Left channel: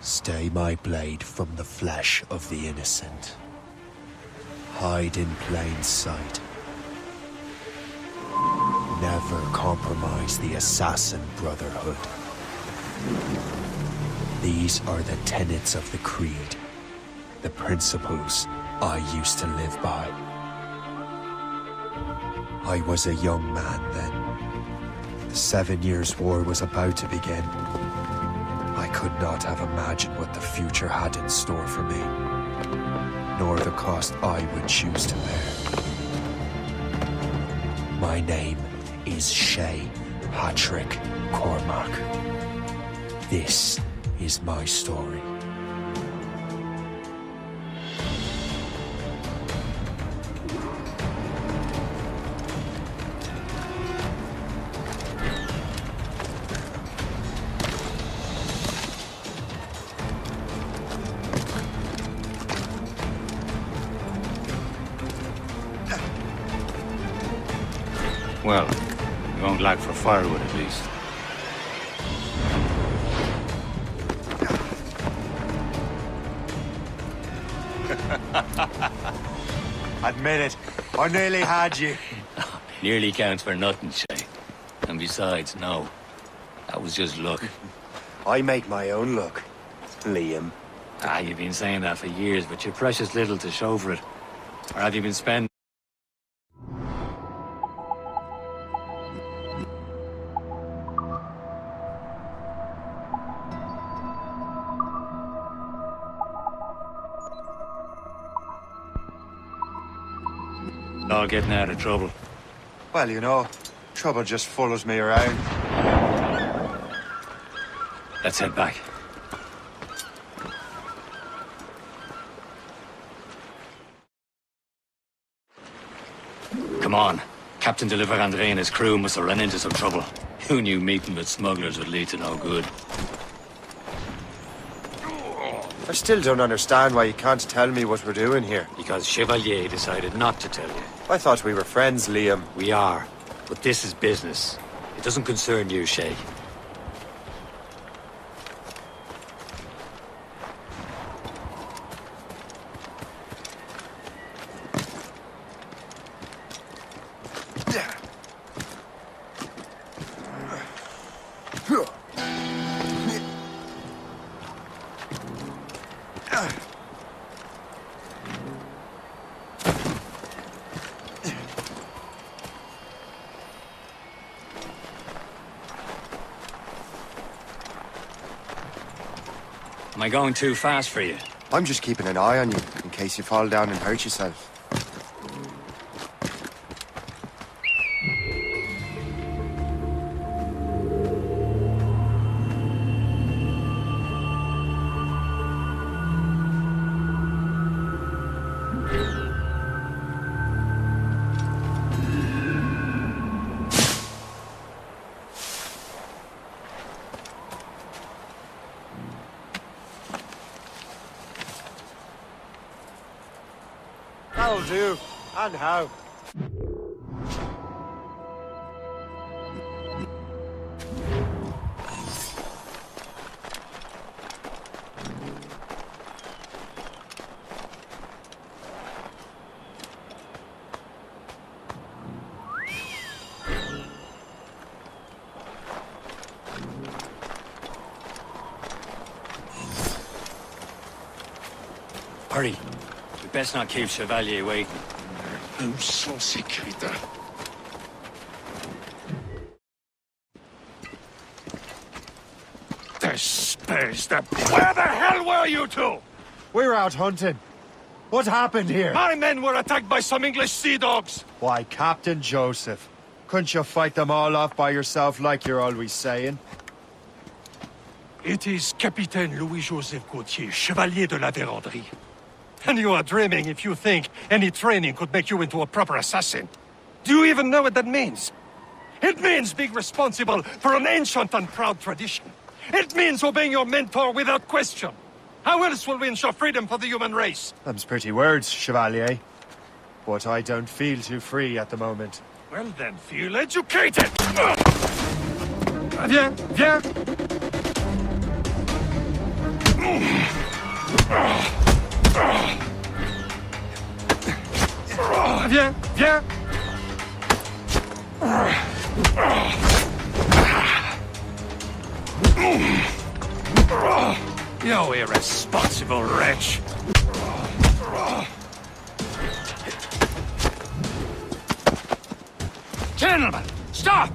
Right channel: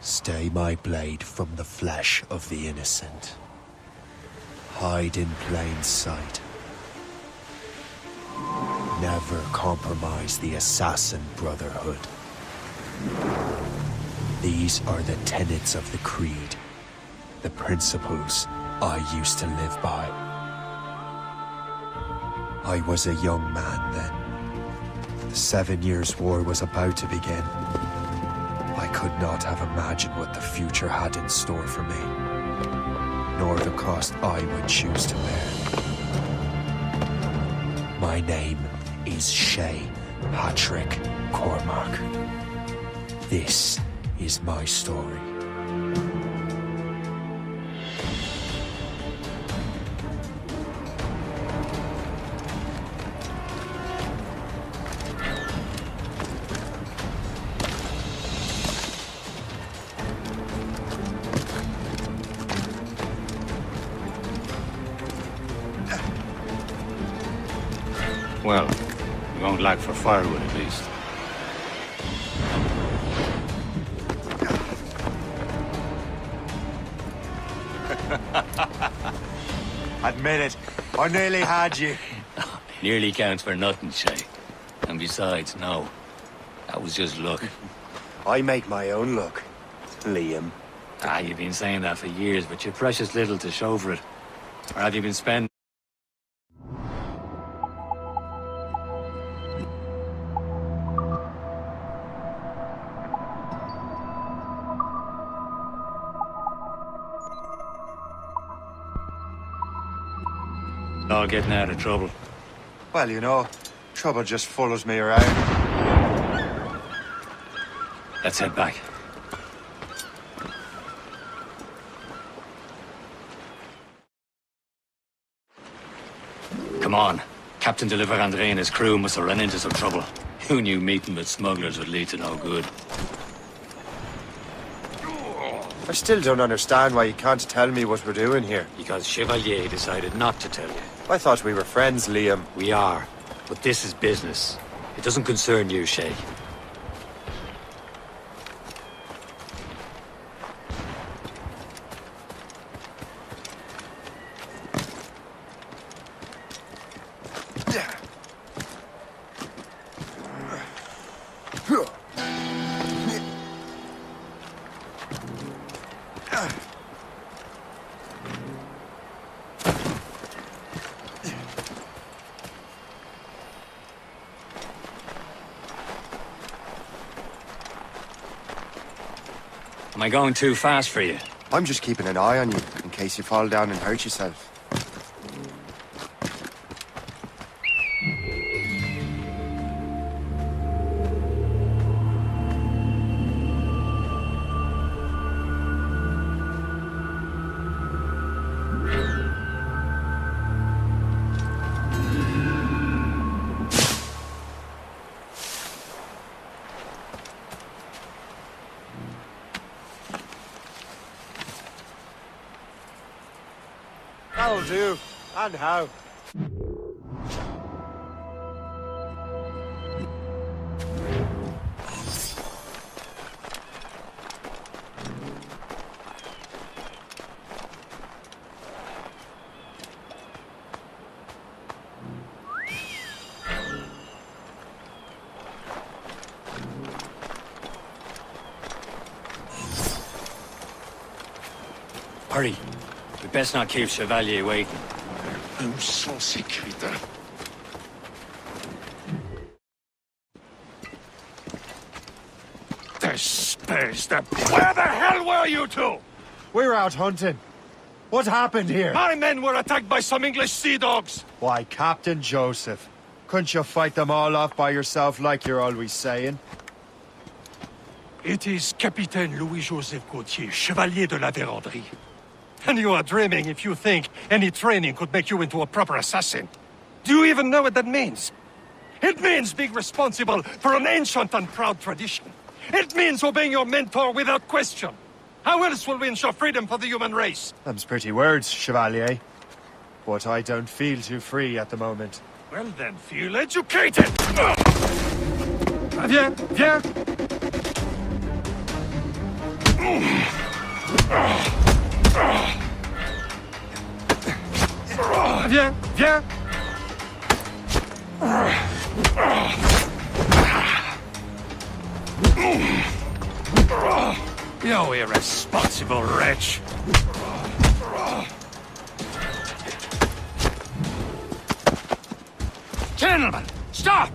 Stay my blade from the flesh of the innocent. Hide in plain sight. Never compromise the Assassin Brotherhood. These are the tenets of the Creed, the principles I used to live by. I was a young man then. The 7 Years' War was about to begin. I could not have imagined what the future had in store for me, nor the cost I would choose to bear. My name is Shay Patrick Cormac. This is my story. Well, we won't lack for firewood at least. Admit it, I nearly had you. Nearly counts for nothing, Shay. And besides, no. That was just luck. I make my own luck, Liam. You've been saying that for years, but you're precious little to show for it. Or have you been spending... all getting out of trouble? Well, you know, trouble just follows me around. Let's head back. Come on. Captain de André and his crew must have run into some trouble. Who knew meeting with smugglers would lead to no good? I still don't understand why you can't tell me what we're doing here. Because Chevalier decided not to tell you. I thought we were friends, Liam. We are. But this is business. It doesn't concern you, Shay. Am I going too fast for you? I'm just keeping an eye on you, in case you fall down and hurt yourself. That'll do. And how? Hurry. We best not keep Chevalier waiting. Où sont ces crétins? Where the hell were you two? We were out hunting. What happened here? My men were attacked by some English sea dogs. Why, Captain Joseph. Couldn't you fight them all off by yourself like you're always saying? It is Capitaine Louis-Joseph Gauthier, Chevalier de la Vérendrye. And you are dreaming if you think any training could make you into a proper assassin. Do you even know what that means? It means being responsible for an ancient and proud tradition. It means obeying your mentor without question. How else will we ensure freedom for the human race? Them's pretty words, Chevalier. But I don't feel too free at the moment. Well then, feel educated! Viens, viens! Viens, viens! You irresponsible wretch! Gentlemen, stop!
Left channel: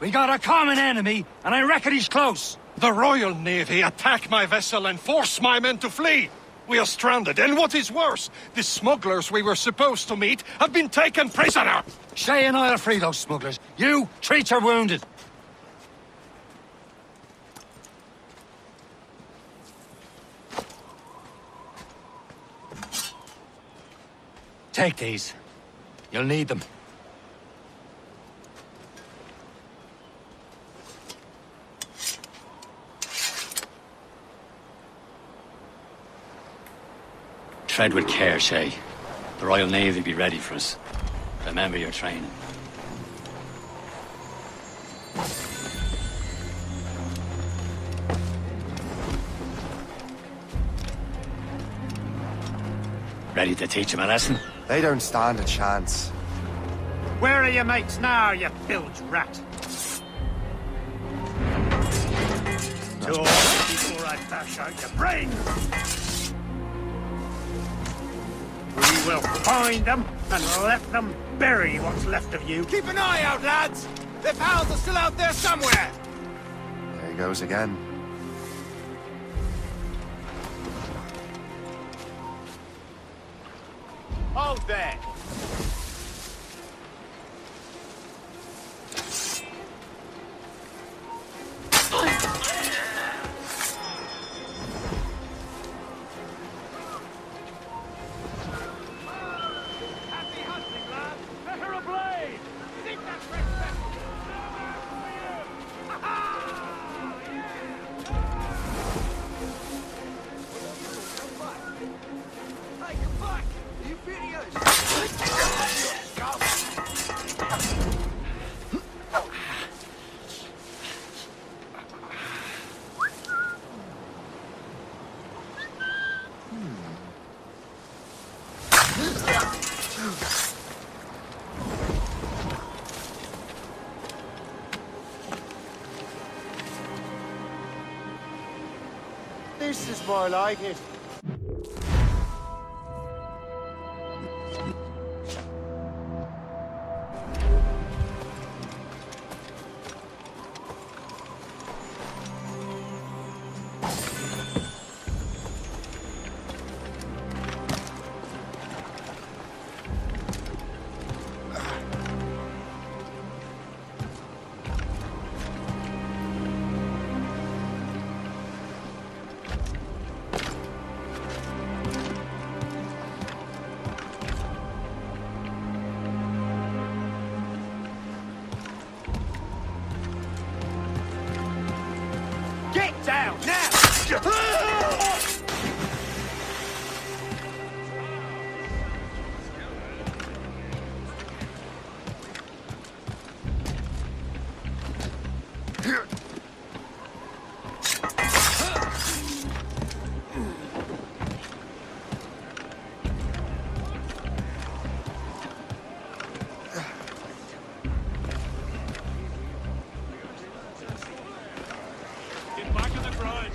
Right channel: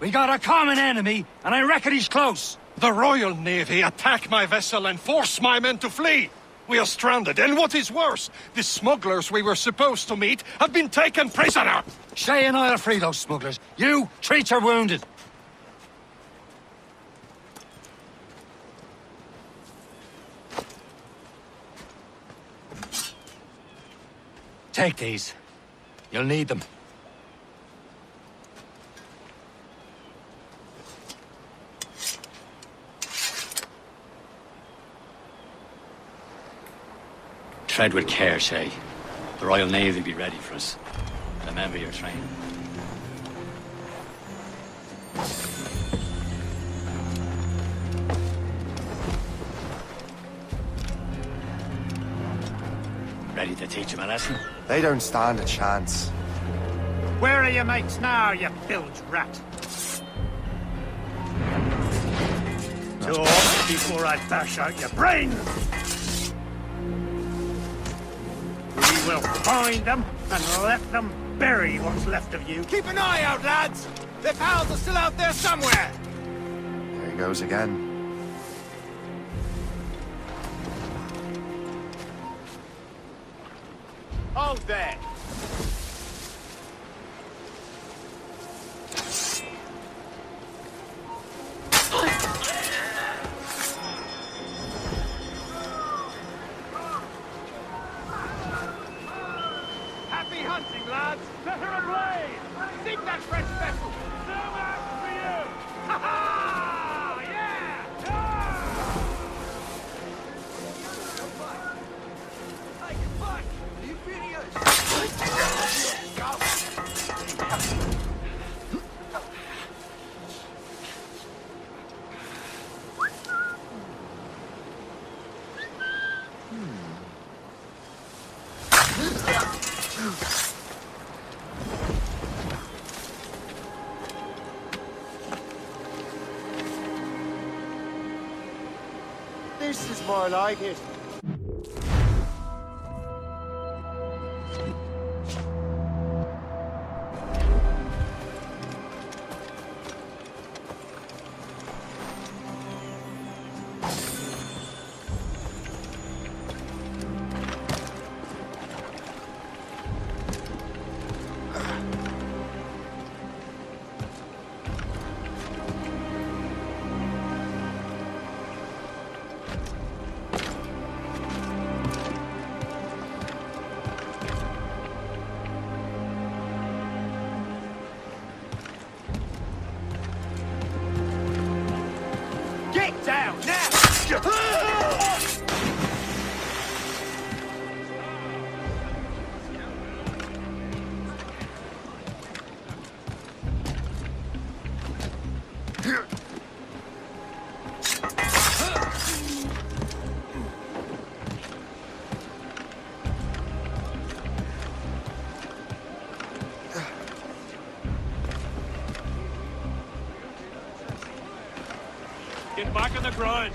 We got a common enemy, and I reckon he's close. The Royal Navy attack my vessel and force my men to flee! We are stranded, and what is worse, the smugglers we were supposed to meet have been taken prisoner! Shay and I'll free those smugglers. You, treat your wounded. Take these. You'll need them. Tread with care, Shay. The Royal Navy will be ready for us. Remember your training. Ready to teach him a lesson? They don't stand a chance. Where are your mates now, you bilge rat? Talk before I bash out your brains! We will find them and let them bury what's left of you. Keep an eye out, lads! Their pals are still out there somewhere! There he goes again. Hold there! Happy hunting, lads! Set her ablaze! Sink that French vessel! No match for you! Ha ha! Yeah! What are you doing? Come back! Hey, come back! Are you furious? This is more like it. Get down, now! Get back on the ground!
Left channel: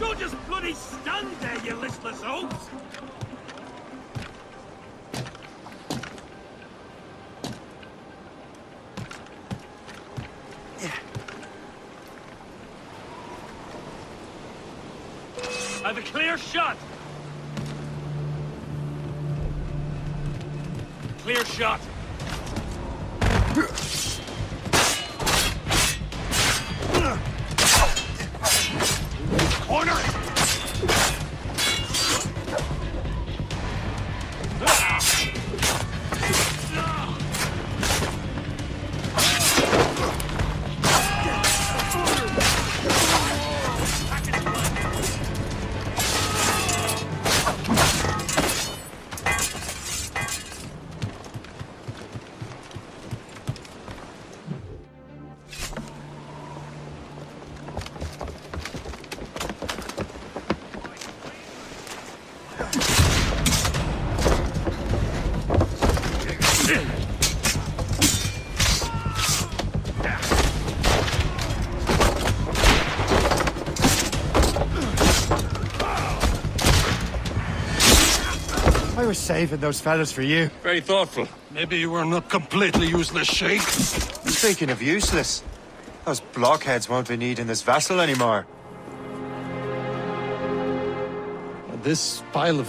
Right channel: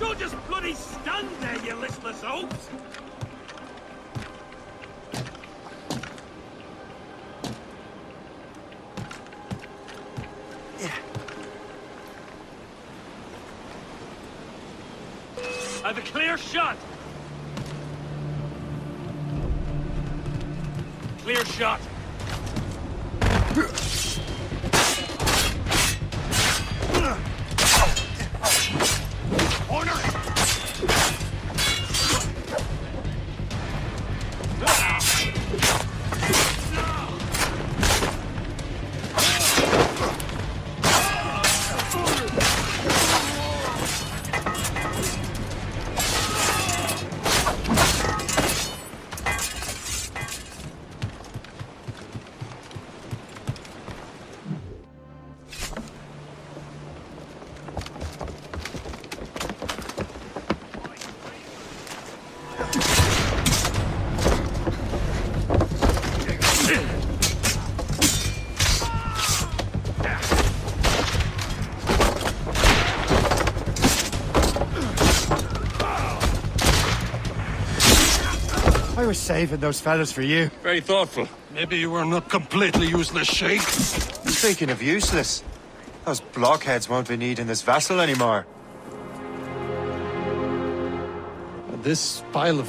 Don't just bloody stand there, you listless oafs! Have a clear shot! Clear shot! I was saving those fellas for you. Very thoughtful. Maybe you were not completely useless, Shay. Speaking of useless, those blockheads won't be needing this vessel anymore. This pile of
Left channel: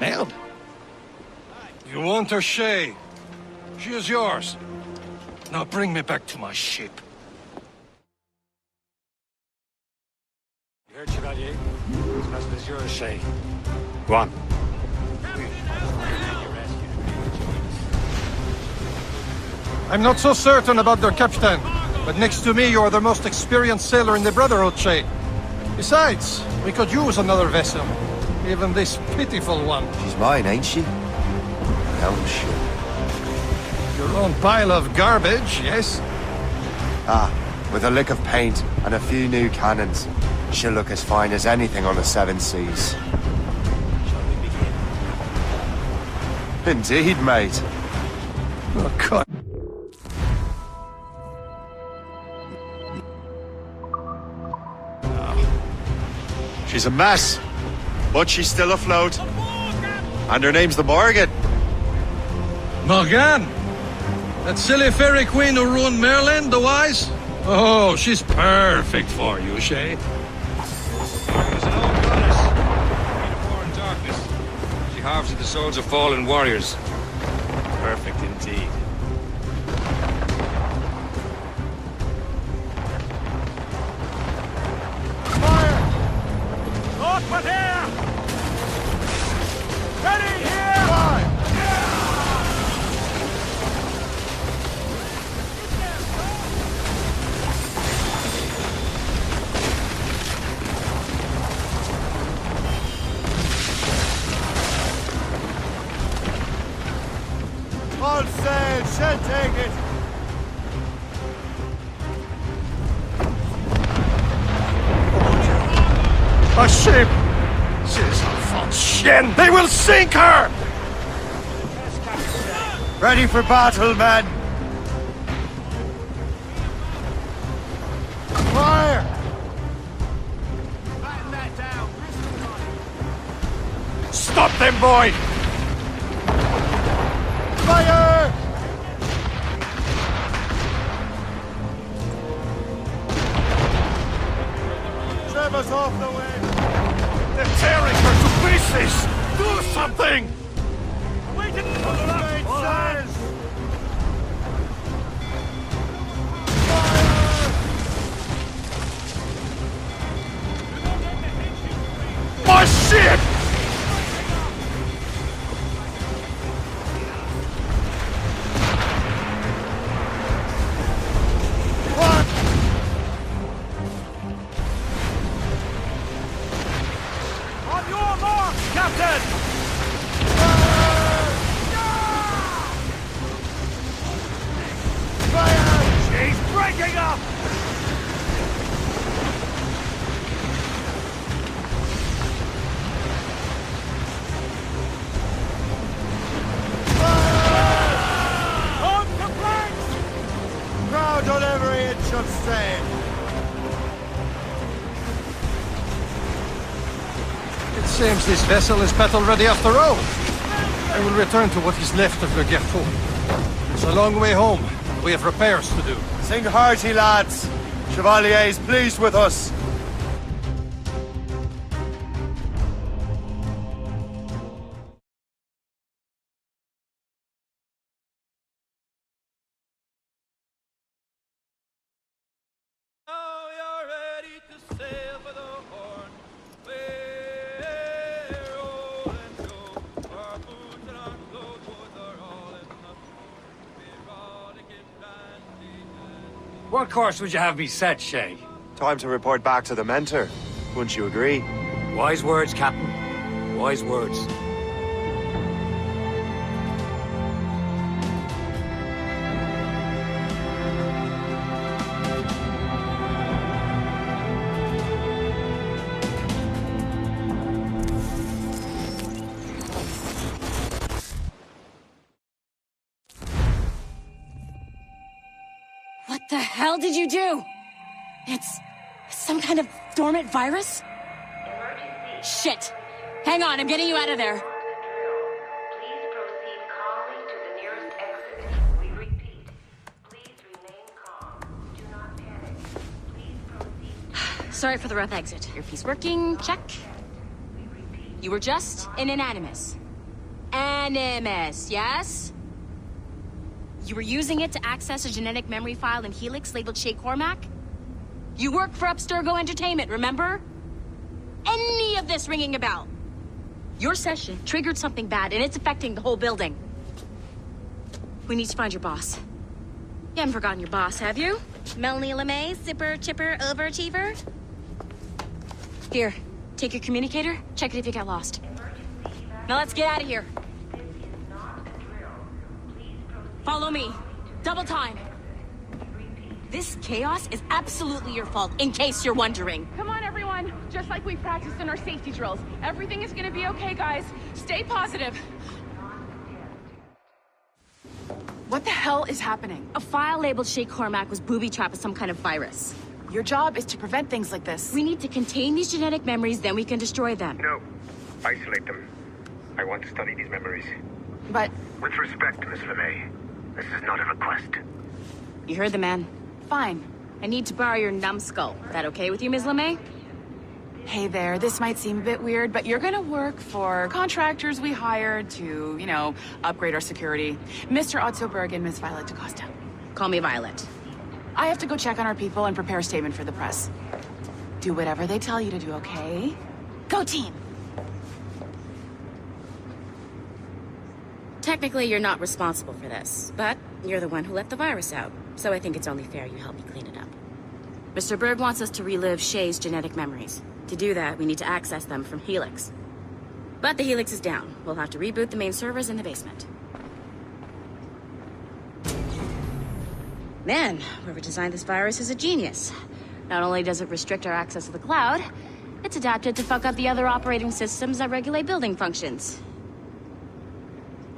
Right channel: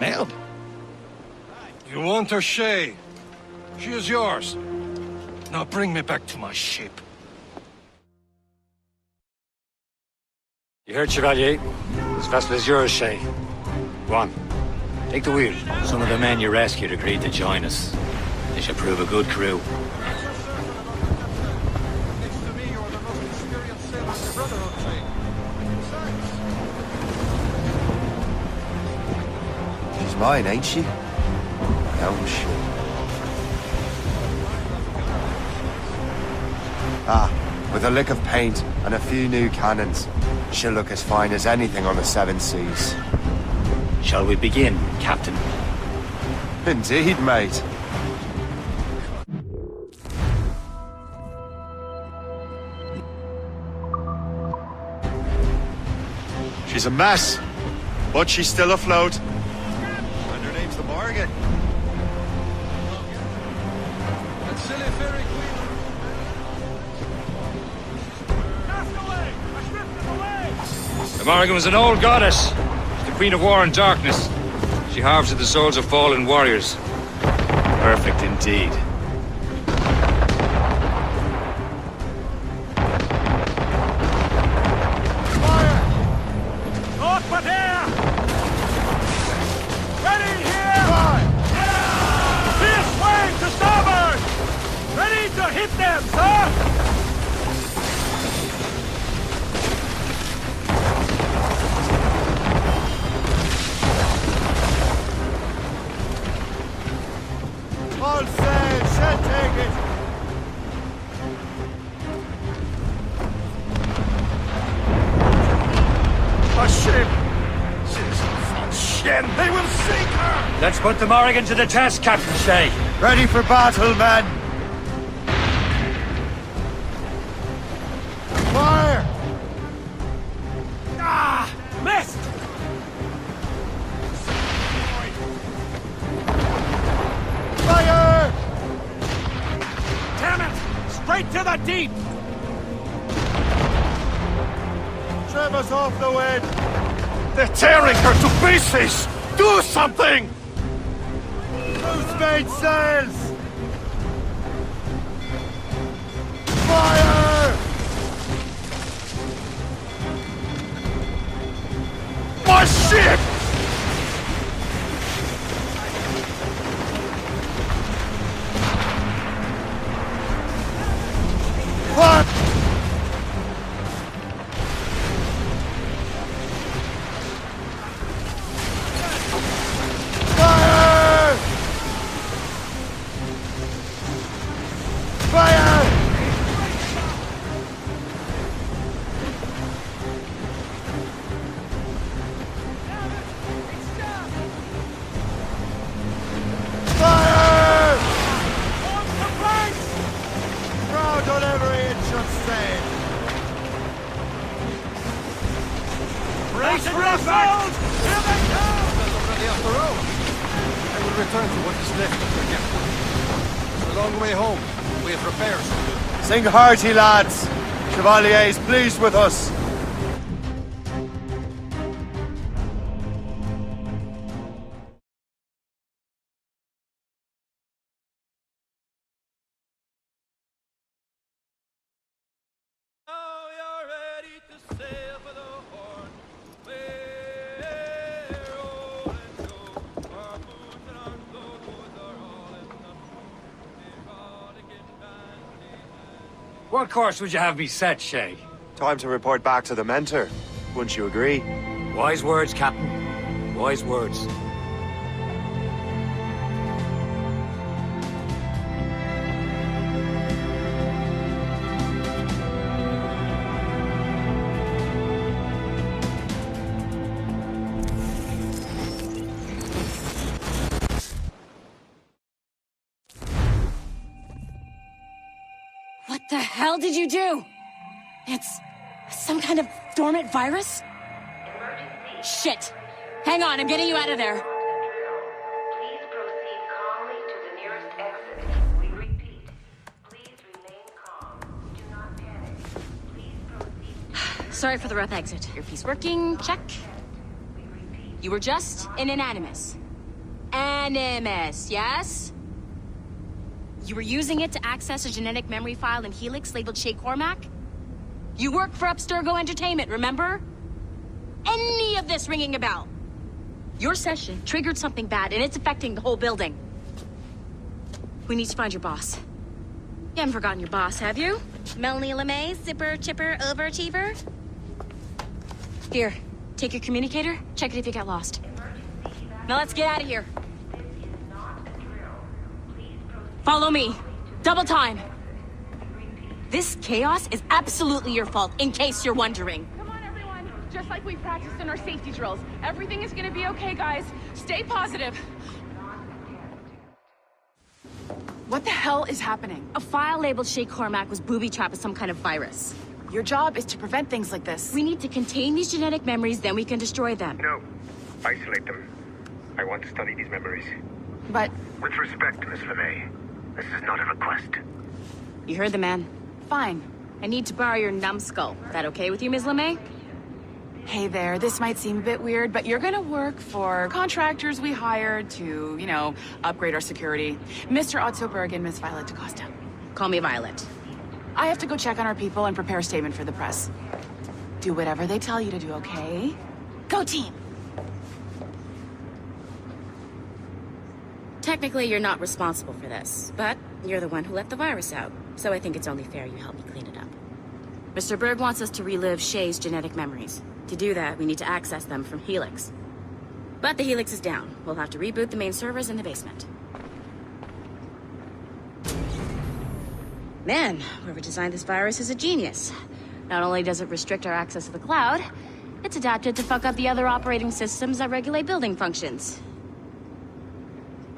mail? You want her, Shay? She is yours. Now bring me back to my ship. You heard, Chevalier? This vessel is yours, Shay. Go on. Take the wheel. Some of the men you rescued agreed to join us. They should prove a good crew. I'm not so certain about their captain, but next to me you are the most experienced sailor in the Brotherhood, Shay. Besides, we could use another vessel. Even this pitiful one. She's mine, ain't she? My own ship. Your own pile of garbage, yes? Ah, with a lick of paint and a few new cannons. She'll look as fine as anything on the Seven Seas. Shall we begin, Captain? Indeed, mate. Oh, God. She's a mess, but she's still afloat. And her name's the Morgan. Morgan? That silly fairy queen who ruined Merlin, the wise? Oh, she's perfect for you, Shay. The Morrigan was an old goddess, the queen of war and darkness. She harvested the souls of fallen warriors. Perfect indeed. All sail, she'll take it. Shit! They will sink her! Let's put the Morrigan to the test, Captain Shay. Ready for battle, men. Fire! Missed! Stop them, boy! Fire! Straight to the deep! Trim us off the wind. They're tearing her to pieces! Do something! Who's made sails? Fire! My ship! What? On your mark, Captain! Fire! Fire! He's breaking up! Fire! On the planks! Proud on every inch of sail. Brace yourselves! It seems this vessel is battle ready after all. I will return to what is left of Forgetful. It's a long way home. We have repairs to do. Sing hearty, lads. Chevalier is pleased with us. Now you're ready to sail for the Horn. We're rolling show. Our boots and our clothes are all in the We're rollicking bandy dandy. What course would you have me set, Shay? Time to report back to the mentor. Wouldn't you agree? Wise words, Captain. Wise words. What the hell did you do? It's some kind of dormant virus? Emergency. Shit! Hang on, I'm getting you out of there. Please proceed calmly to the nearest exit. We repeat. Please remain calm. Do not panic. Please proceed. Sorry for the rough exit. Earpiece working, check. We repeat. You were just an Animus. Animus, yes? You were using it to access a genetic memory file in Helix labeled Shay Cormac? You work for Abstergo Entertainment, remember? Any of this ringing a bell? Your session triggered something bad, and it's affecting the whole building. We need to find your boss. You haven't forgotten your boss, have you? Melanie LeMay, zipper, chipper, overachiever? Here, take your communicator, check it if you got lost. Now let's get out of here. This is not a drill. Please proceed. Follow me. Double time. We repeat. This chaos is absolutely your fault, in case you're wondering. Come on, everyone. Just like we practiced in our safety drills. Everything is gonna be okay, guys. Stay positive. What the hell is happening? A file labeled Shay Cormac was booby-trapped with some kind of virus. Your job is to prevent things like this. We need to contain these genetic memories, then we can destroy them. No. Isolate them. I want to study these memories. But With respect, Miss LeMay, this is not a request. You heard the man. fine. I need to borrow your numbskull. That okay with you, Ms. LeMay? Hey there, this might seem a bit weird, but you're gonna work for contractors we hired to, you know, upgrade our security. Mr. Otto Berg and Miss Violet DaCosta. Call me Violet. I have to go check on our people and prepare a statement for the press. Do whatever they tell you to do, okay? Go team! Technically, you're not responsible for this, but you're the one who let the virus out, so I think it's only fair you help me clean it up. Mr. Berg wants us to relive Shay's genetic memories. To do that, we need to access them from Helix. But the Helix is down. We'll have to reboot the main servers in the basement. Man, whoever designed this virus is a genius. Not only does it restrict our access to the cloud, it's adapted to fuck up the other operating systems that regulate building functions.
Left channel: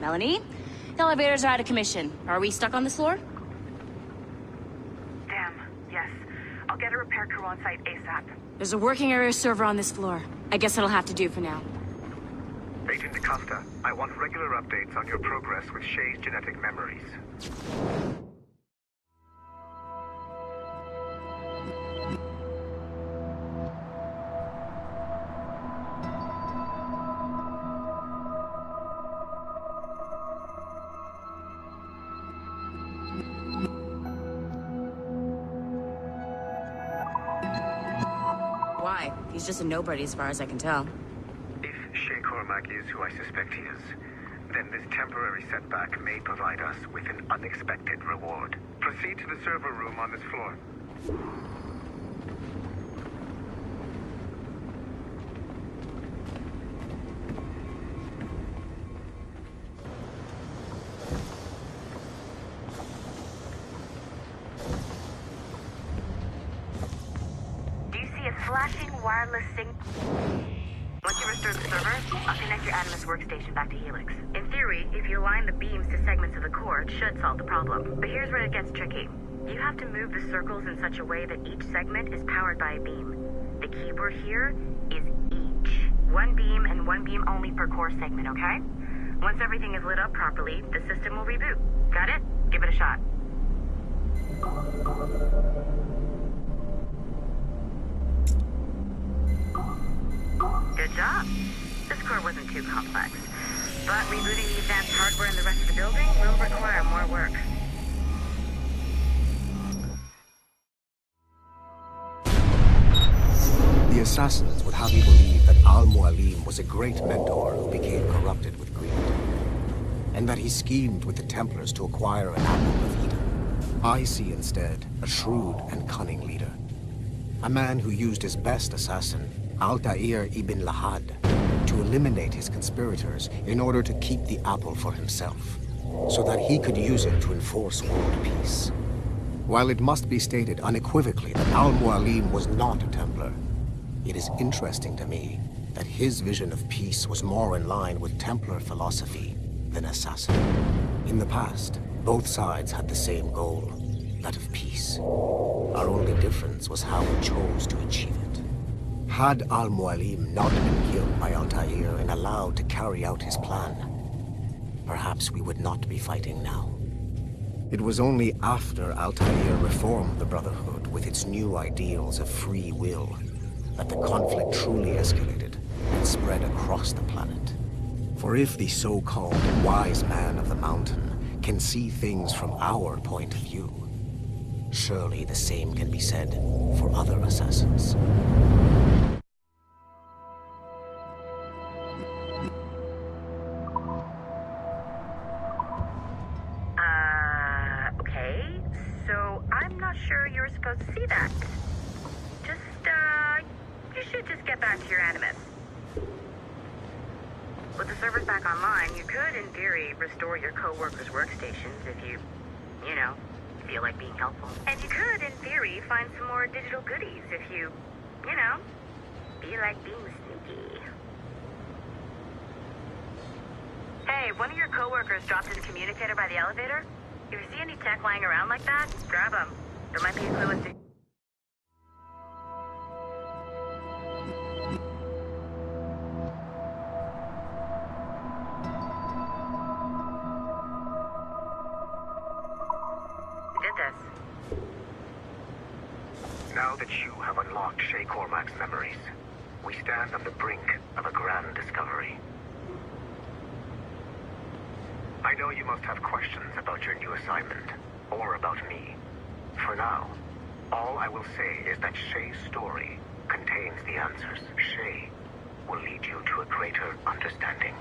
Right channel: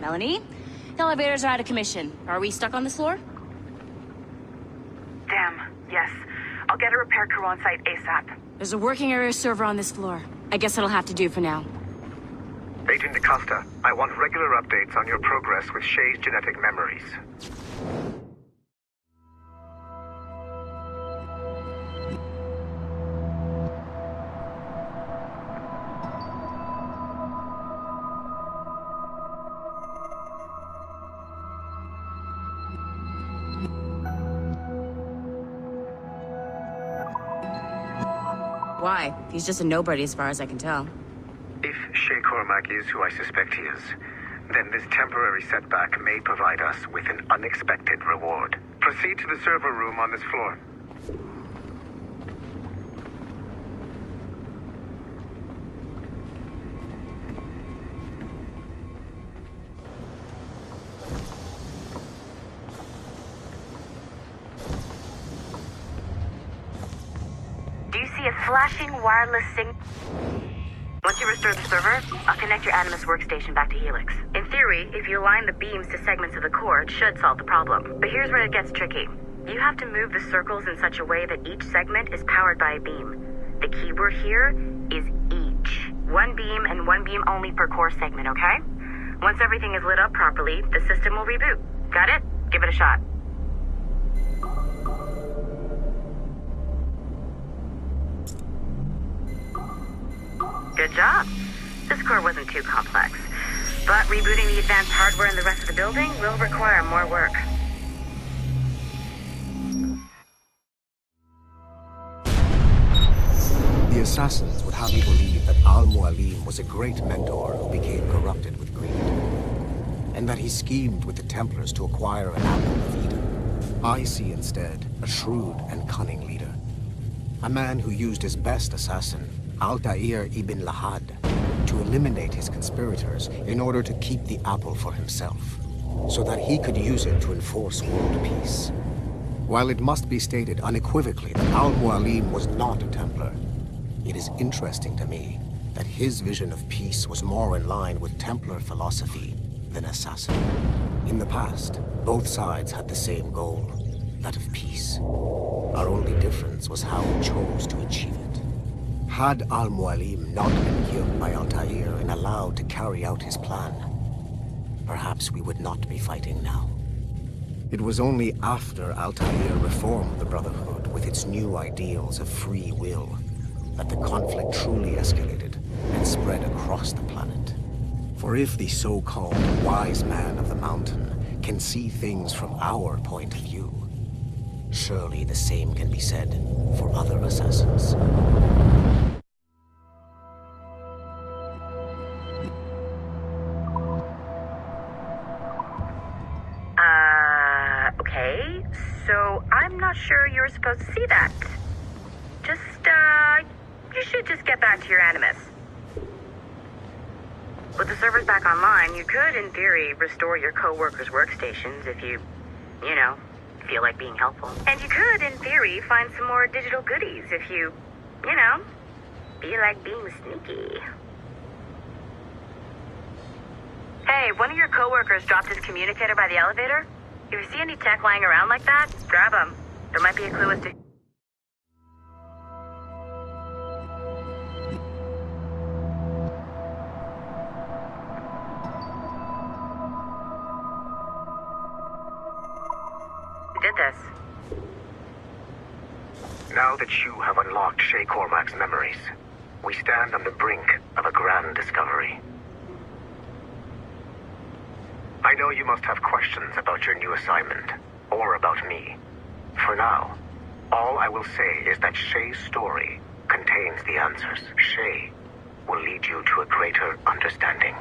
Melanie? The elevators are out of commission. Are we stuck on this floor? Damn, yes. I'll get a repair crew on site ASAP. There's a working area server on this floor. I guess it'll have to do for now. Agent DaCosta, I want regular updates on your progress with Shay's genetic memories. Why? He's just a nobody as far as I can tell. If Shay Cormac is who I suspect he is, then this temporary setback may provide us with an unexpected reward. Proceed to the server room on this floor. Flashing wireless signal. Once you restore the server, I'll connect your Animus workstation back to Helix. In theory, if you align the beams to segments of the core, it should solve the problem. But here's where it gets tricky. You have to move the circles in such a way that each segment is powered by a beam. The keyword here is each. One beam and one beam only per core segment, okay? Once everything is lit up properly, the system will reboot. Got it? Give it a shot. Good job. This core wasn't too complex. But rebooting the advanced hardware in the rest of the building will require more work. The assassins would have you believe that Al-Mualim was a great mentor who became corrupted with greed, and that he schemed with the Templars to acquire an apple of Eden. I see instead a shrewd and cunning leader. A man who used his best assassin, Altair ibn Lahad, to eliminate his conspirators in order to keep the apple for himself, so that he could use it to enforce world peace. While it must be stated unequivocally that Al-Mualim was not a Templar, it is interesting to me that his vision of peace was more in line with Templar philosophy than assassin. In the past, both sides had the same goal, that of peace. Our only difference was how we chose to achieve it. Had Al-Mualim not been killed by Altair and allowed to carry out his plan, perhaps we would not be fighting now. It was only after Altair reformed the Brotherhood with its new ideals of free will that the conflict truly escalated and spread across the planet. For if the so-called wise man of the mountain can see things from our point of view, surely the same can be said for other assassins. Okay. So I'm not sure you're supposed to see that. You should just get back to your Animus. With the servers back online, you could, in theory, restore your co-workers' workstations if you feel like being helpful. And you could, in theory, find some more digital goodies if you feel like being sneaky. Hey, one of your co-workers dropped his communicator by the elevator. If you see any tech lying around like that, grab them. There might be a clue as to... did this. Now that you have unlocked Shay Cormac's memories, we stand on the brink of a grand discovery. I know you must have questions about your new assignment, or about me. For now, all I will say is that Shay's story contains the answers. Shay will lead you to a greater understanding.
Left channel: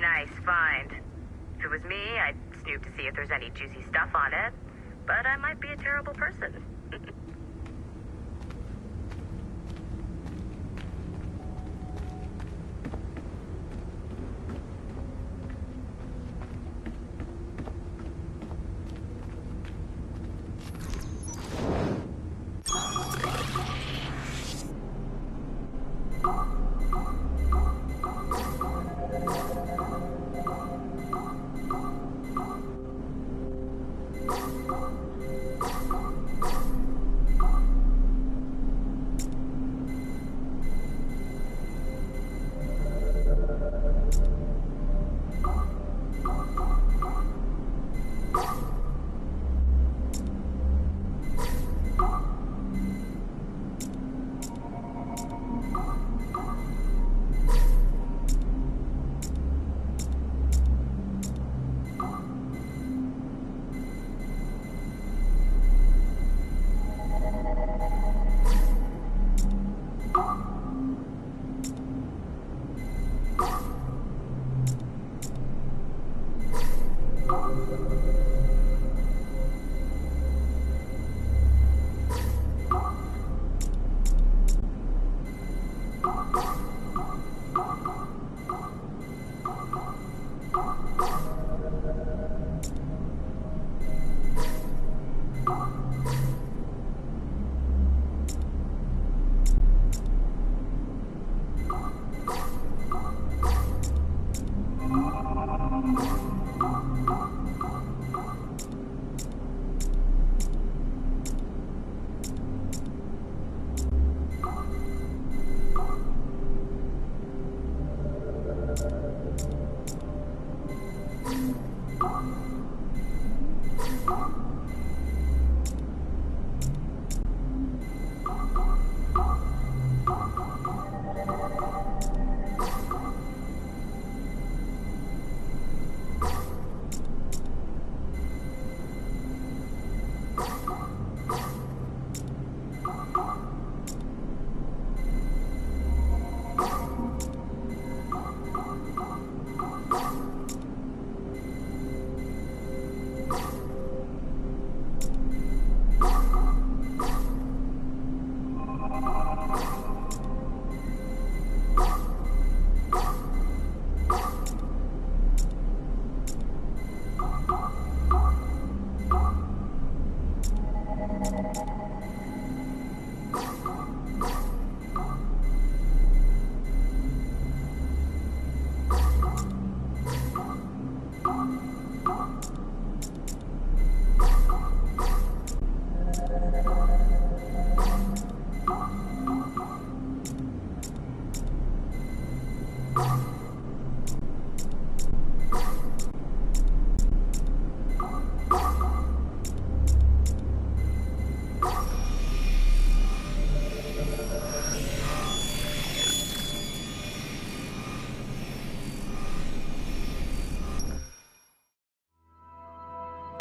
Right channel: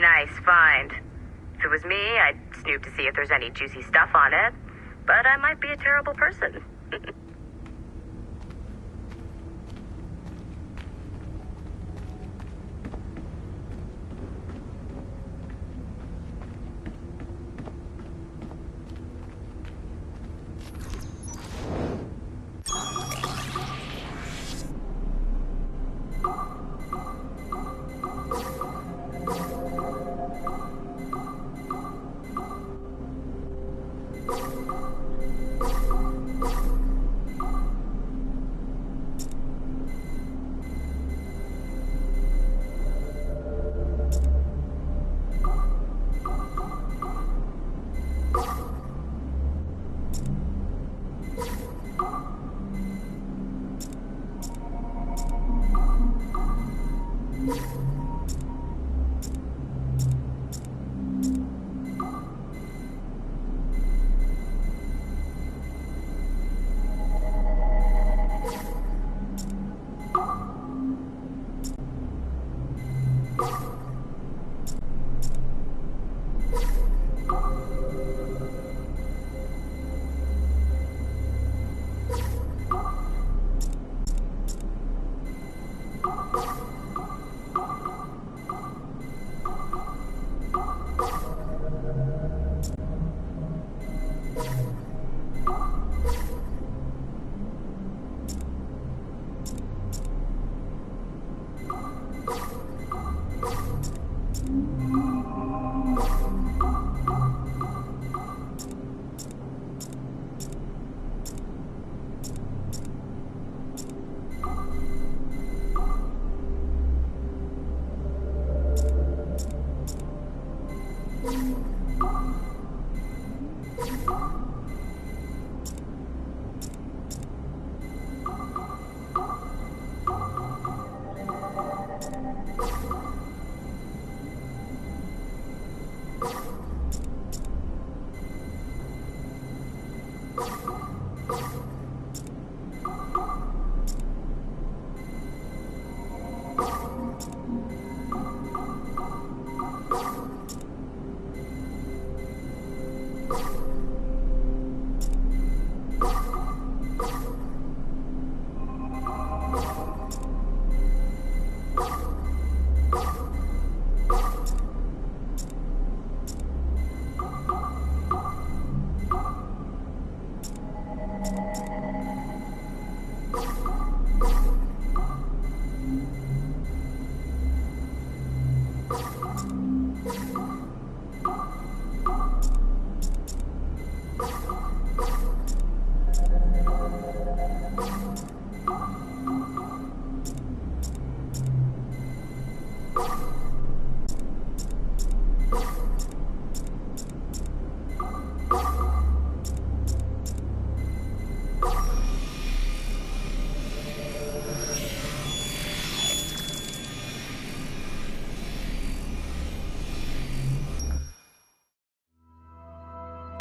Nice find. If it was me, I'd snoop to see if there's any juicy stuff on it. But I might be a terrible person.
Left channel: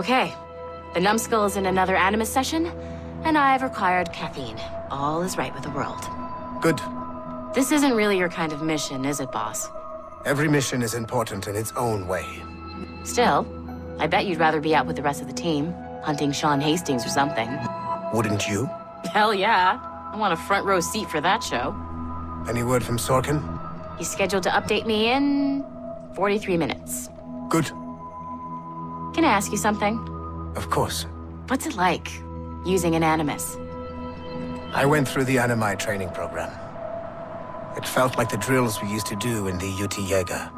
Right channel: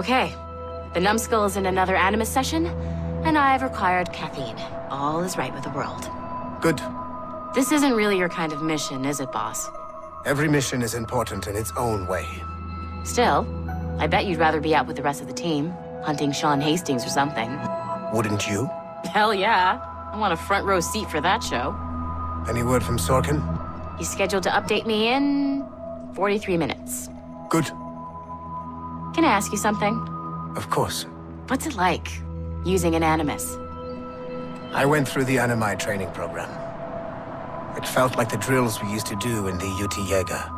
Okay. The numbskull is in another Animus session, and I've required caffeine. All is right with the world. Good. This isn't really your kind of mission, is it, boss? Every mission is important in its own way. Still, I bet you'd rather be out with the rest of the team, hunting Sean Hastings or something. Wouldn't you? Hell yeah. I want a front row seat for that show. Any word from Sorkin? He's scheduled to update me in 43 minutes. Good. Can I ask you something? Of course. What's it like, using an Animus? I went through the Animi training program. It felt like the drills we used to do in the UT Jaeger.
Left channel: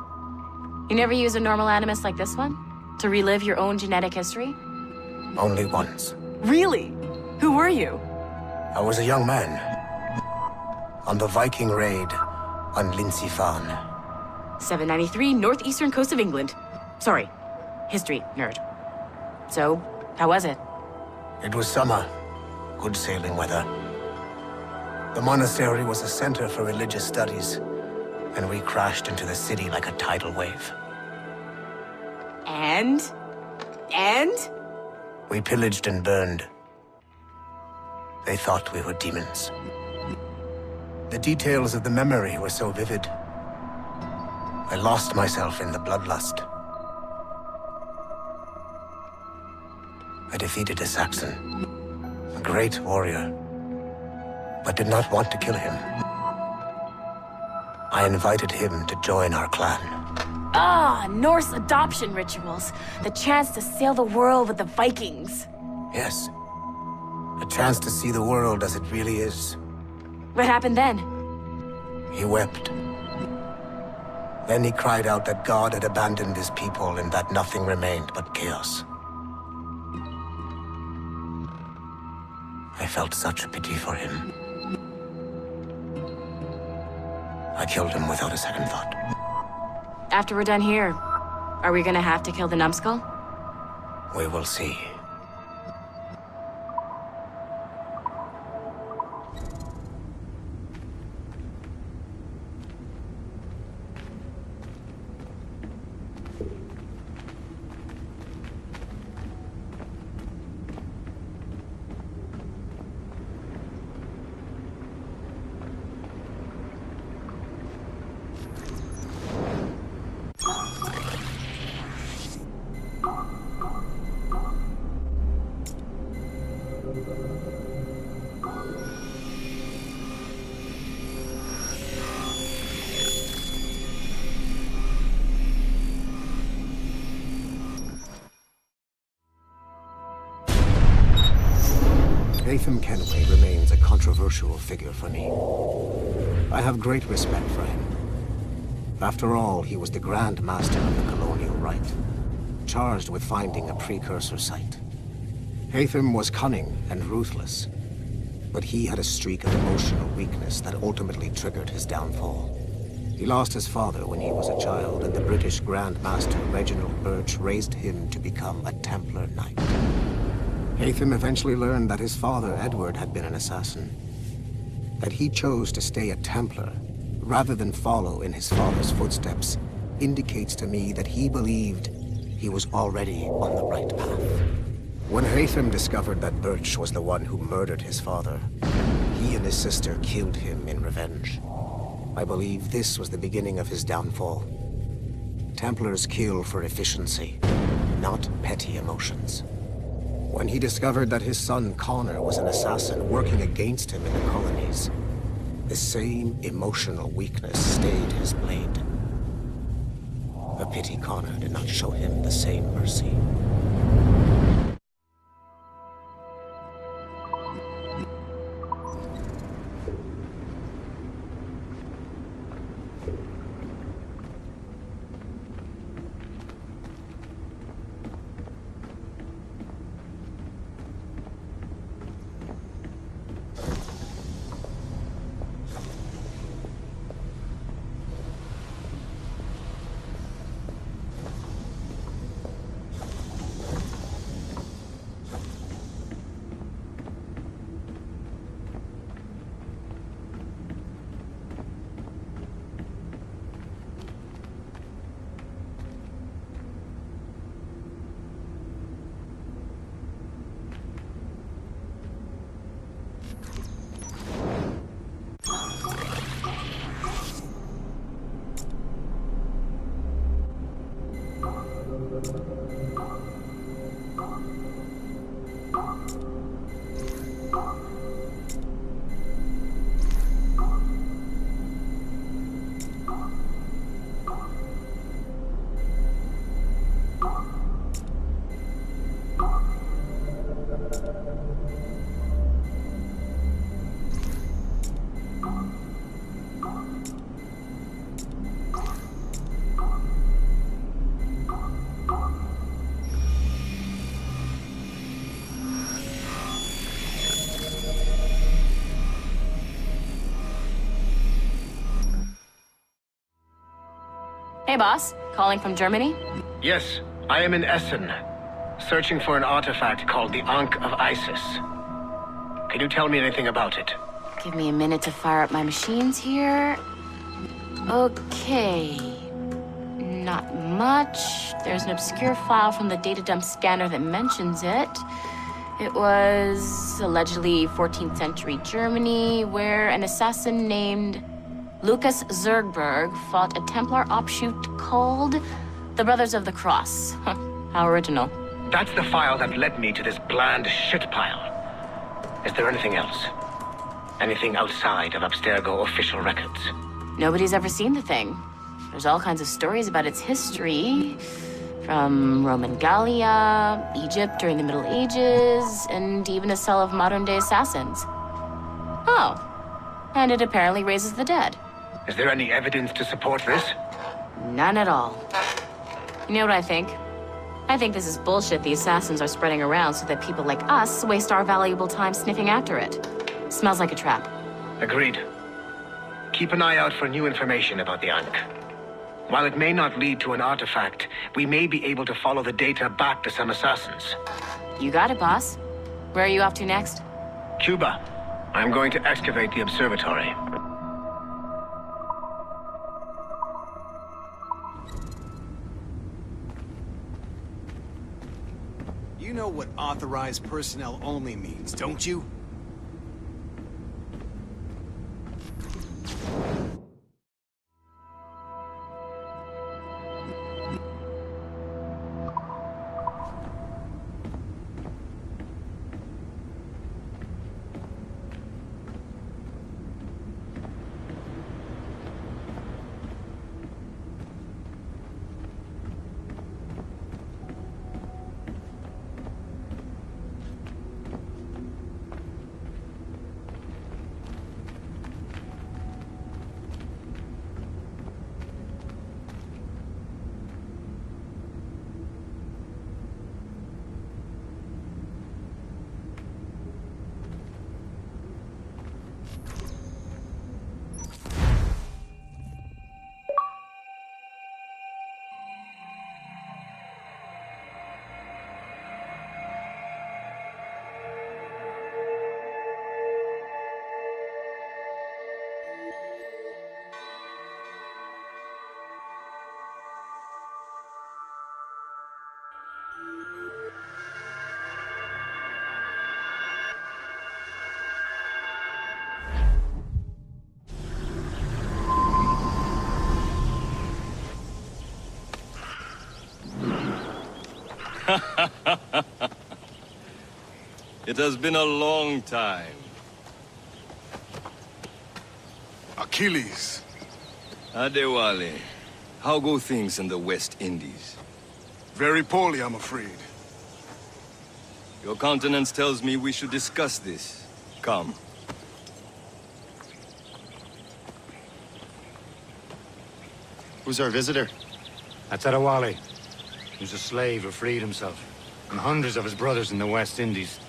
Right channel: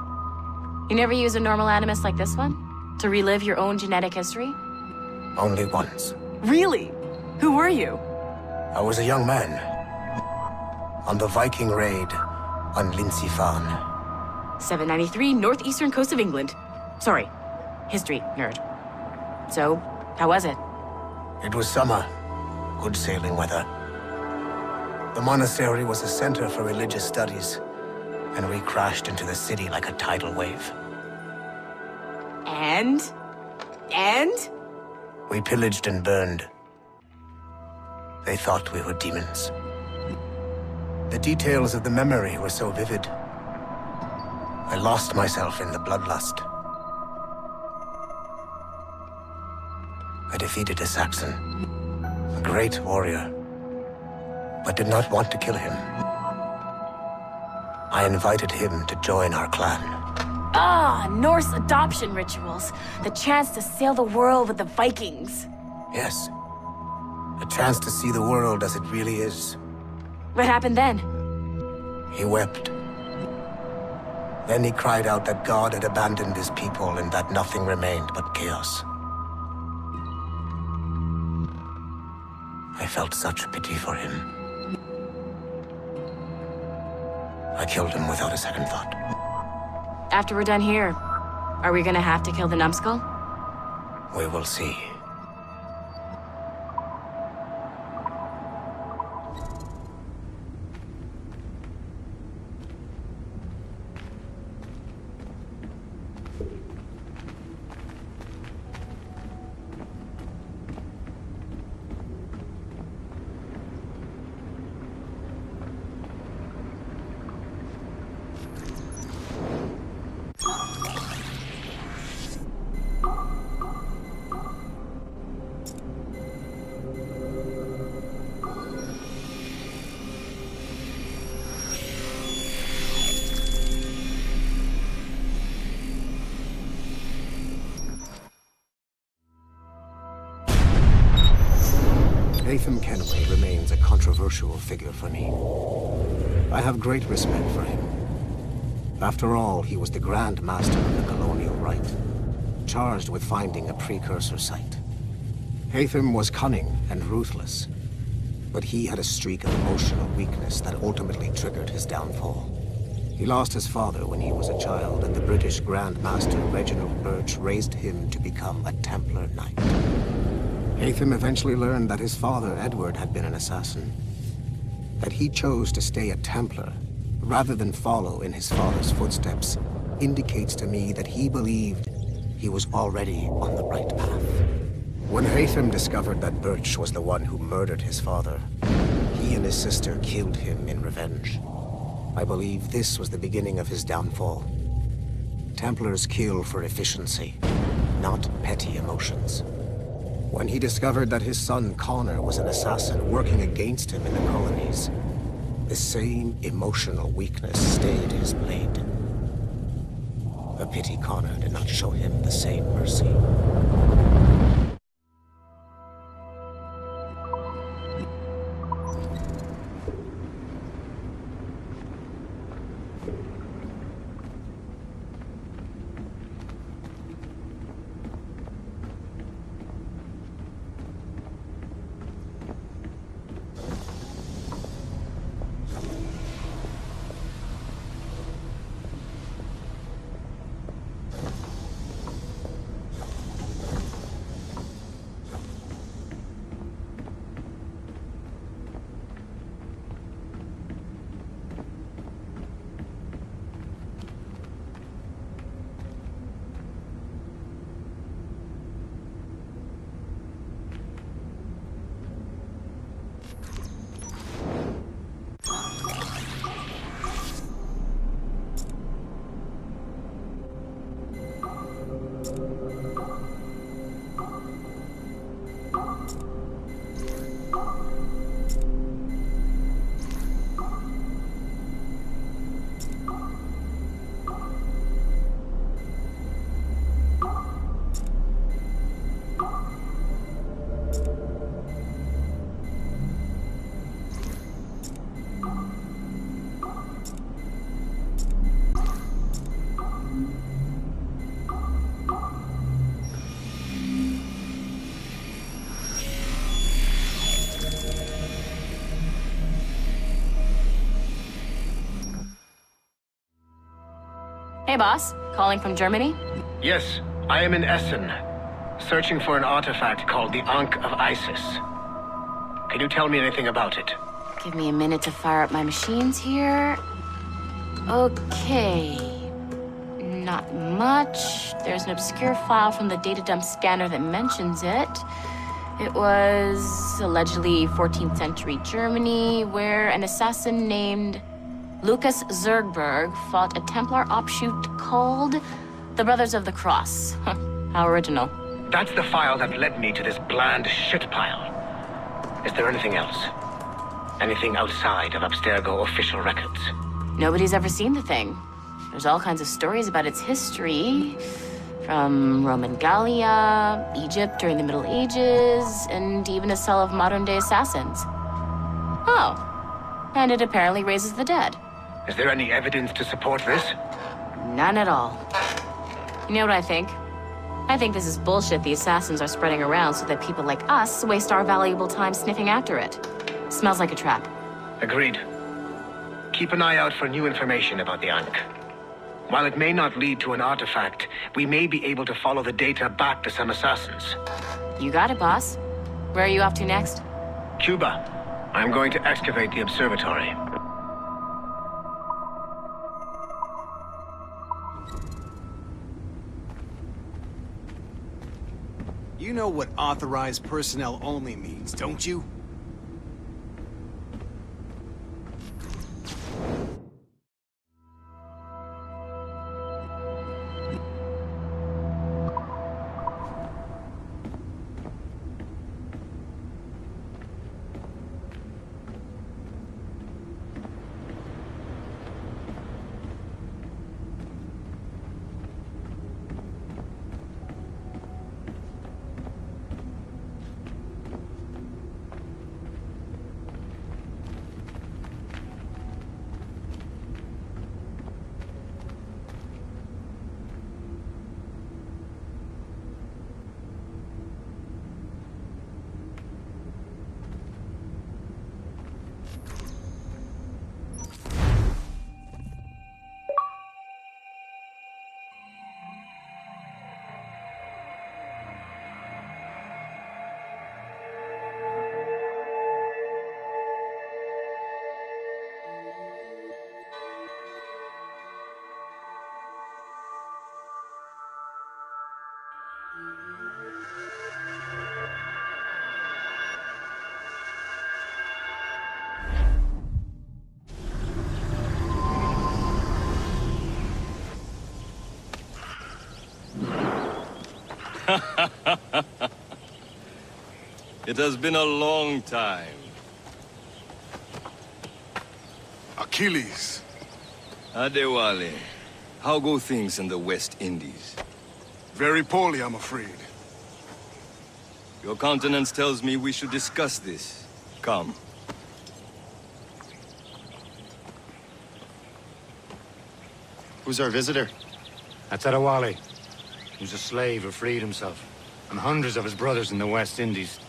You never use a normal Animus like this one? To relive your own genetic history? Only once. Really? Who were you? I was a young man. On the Viking raid on Lindsey Farn. 793, northeastern coast of England. Sorry, history nerd. So, how was it? It was summer. Good sailing weather. The monastery was a center for religious studies, and we crashed into the city like a tidal wave. And? We pillaged and burned. They thought we were demons. The details of the memory were so vivid. I lost myself in the bloodlust. I defeated a Saxon, a great warrior, but did not want to kill him. I invited him to join our clan. Ah, Norse adoption rituals. The chance to sail the world with the Vikings. Yes. A chance to see the world as it really is. What happened then? He wept. Then he cried out that God had abandoned his people and that nothing remained but chaos. I felt such pity for him. I killed him without a second thought. After we're done here, are we gonna have to kill the numbskull? We will see. Haytham Kenway remains a controversial figure for me. I have great respect for him. After all, he was the Grand Master of the Colonial Rite, charged with finding a precursor site. Haytham was cunning and ruthless, but he had a streak of emotional weakness that ultimately triggered his downfall. He lost his father when he was a child, and the British Grand Master Reginald Birch raised him to become a Templar Knight. Haytham eventually learned that his father, Edward, had been an assassin. That he chose to stay a Templar, rather than follow in his father's footsteps, indicates to me that he believed he was already on the right path. When Haytham discovered that Birch was the one who murdered his father, He and his sister killed him in revenge. I believe this was the beginning of his downfall. Templars kill for efficiency, not petty emotions. When he discovered that his son Connor was an assassin working against him in the colonies, the same emotional weakness stayed his blade. A pity Connor did not show him the same mercy. Hey, boss. Calling from Germany? Yes, I am in Essen, searching for an artifact called the Ankh of Isis. Can you tell me anything about it? Give me a minute to fire up my machines here. Okay. Not much. There's an obscure file from the data dump scanner that mentions it. It was allegedly 14th century Germany, where an assassin named Lucas Zergberg fought a Templar offshoot called the Brothers of the Cross. How original. That's the file that led me to this bland shit pile. Is there anything else? Anything outside of Abstergo official records? Nobody's ever seen the thing. There's all kinds of stories about its history, from Roman Gallia, Egypt during the Middle Ages, and even a cell of modern-day assassins. Oh, and it apparently raises the dead. Is there any evidence to support this? None at all. You know what I think? I think this is bullshit the assassins are spreading around so that people like us waste our valuable time sniffing after it. Smells like a trap. Agreed. Keep an eye out for new information about the Ankh. While it may not lead to an artifact, we may be able to follow the data back to some assassins. You got it, boss. Where are you off to next? Cuba. I'm going to excavate the observatory. You know what authorized personnel only means, don't you? It has been a long time. Achilles. Adewale, how go things in the West Indies? Very poorly, I'm afraid. Your countenance tells me we should discuss this. Come. Who's our visitor? That's Adewale. He was a slave who freed himself. And hundreds of his brothers in the West Indies.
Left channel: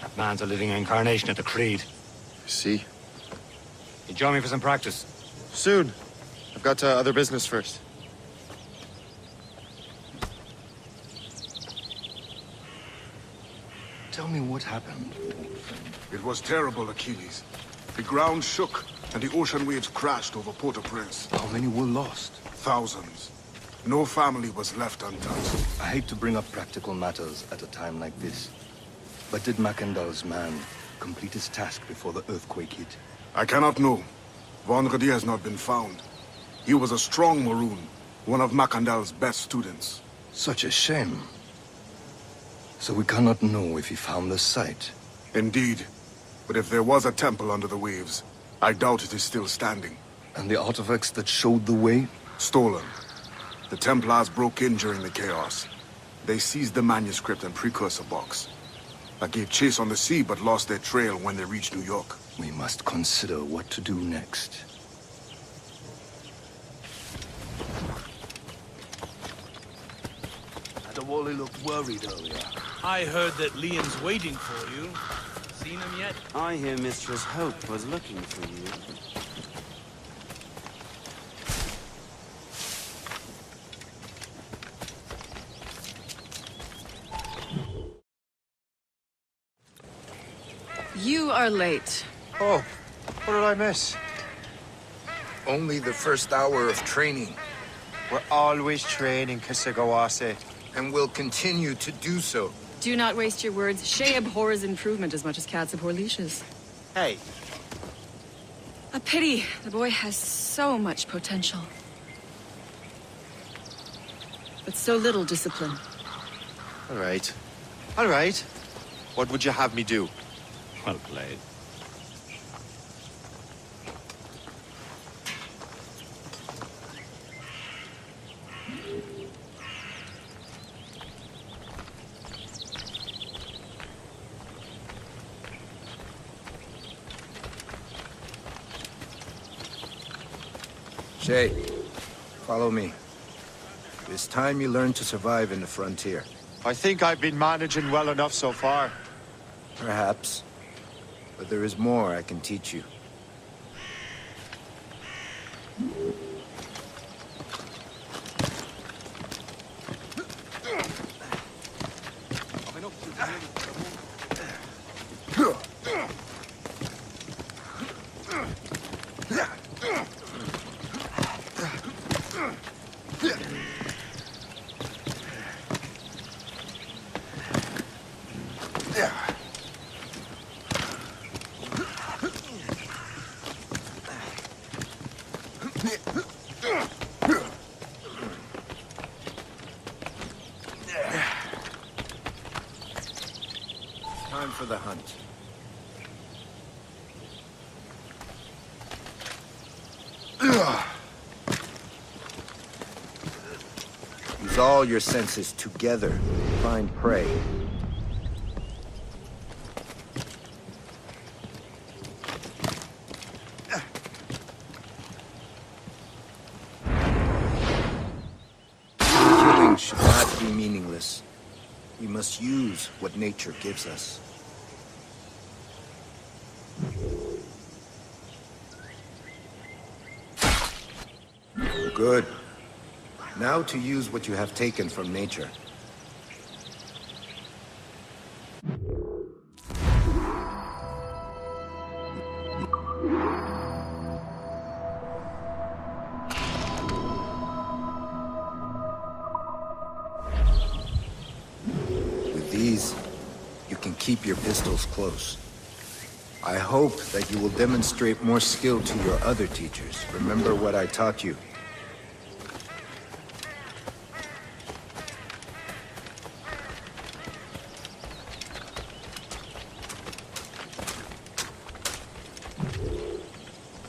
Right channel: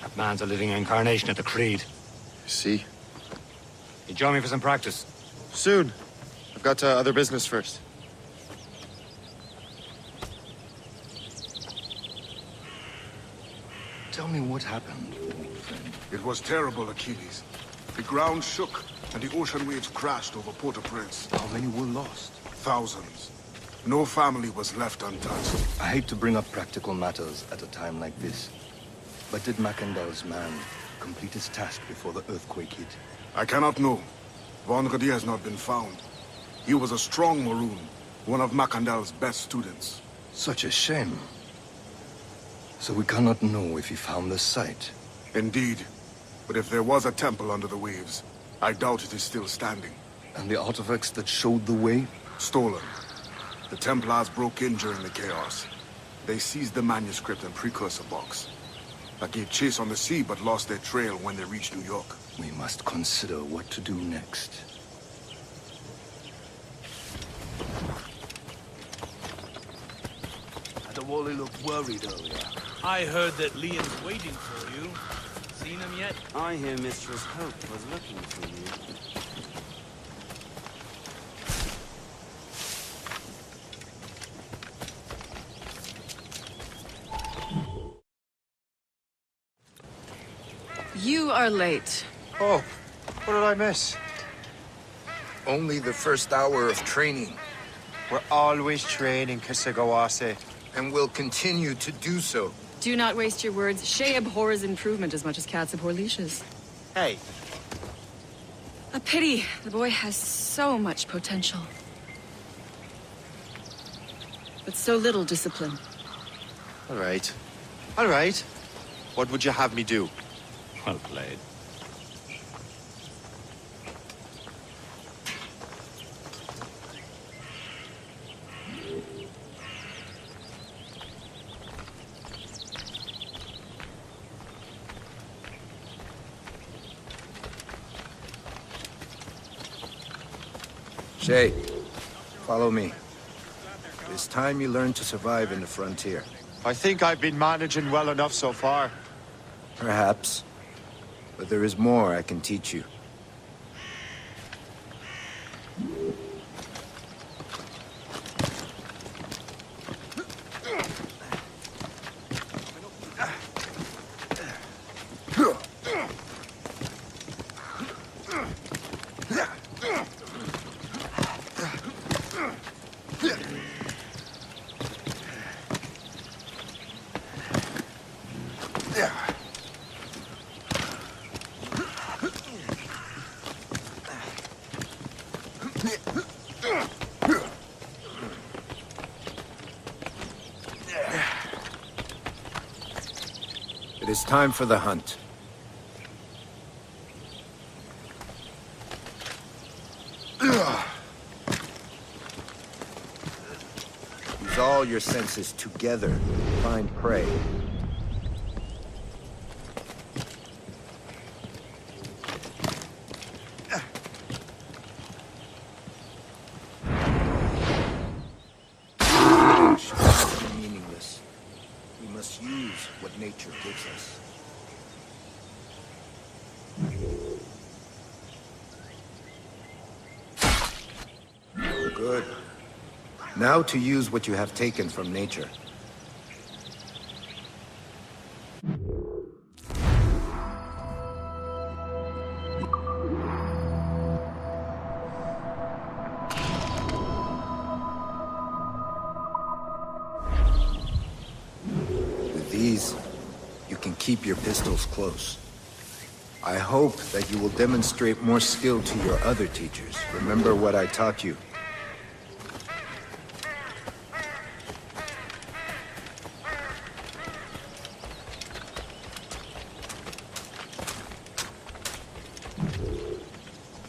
That man's a living incarnation of the Creed. See? You join me for some practice? Soon. I've got other business first. Tell me what happened, old friend. It was terrible, Achilles. The ground shook, and the ocean waves crashed over Port-au-Prince. How many were lost? Thousands. No family was left untouched. I hate to bring up practical matters at a time like this. But did Macandal's man complete his task before the earthquake hit? I cannot know. Vonredi has not been found. He was a strong Maroon, one of Macandal's best students. Such a shame. So we cannot know if he found the site. Indeed. But if there was a temple under the waves, I doubt it is still standing. And the artifacts that showed the way? Stolen. The Templars broke in during the chaos. They seized the manuscript and precursor box. I gave chase on the sea, but lost their trail when they reached New York. We must consider what to do next. Adewale looked worried earlier. I heard that Liam's waiting for you. I hear Mistress Hope was looking for you. You are late. Oh, what did I miss? Only the first hour of training. We're always training, Kisagawase, and will continue to do so. Do not waste your words. Shay abhors improvement as much as cats abhor leashes. Hey. A pity. The boy has so much potential. But so little discipline. All right. All right. What would you have me do? Well played. Shay, follow me. It's time you learn to survive in the frontier. I think I've been managing well enough so far. Perhaps. But there is more I can teach you. It is time for the hunt. Put all your senses together. Meaningless. We must use what nature gives us. Good. Now to use what you have taken from nature. With these, you can keep your pistols close. I hope that you will demonstrate more skill to your other teachers. Remember what I taught you.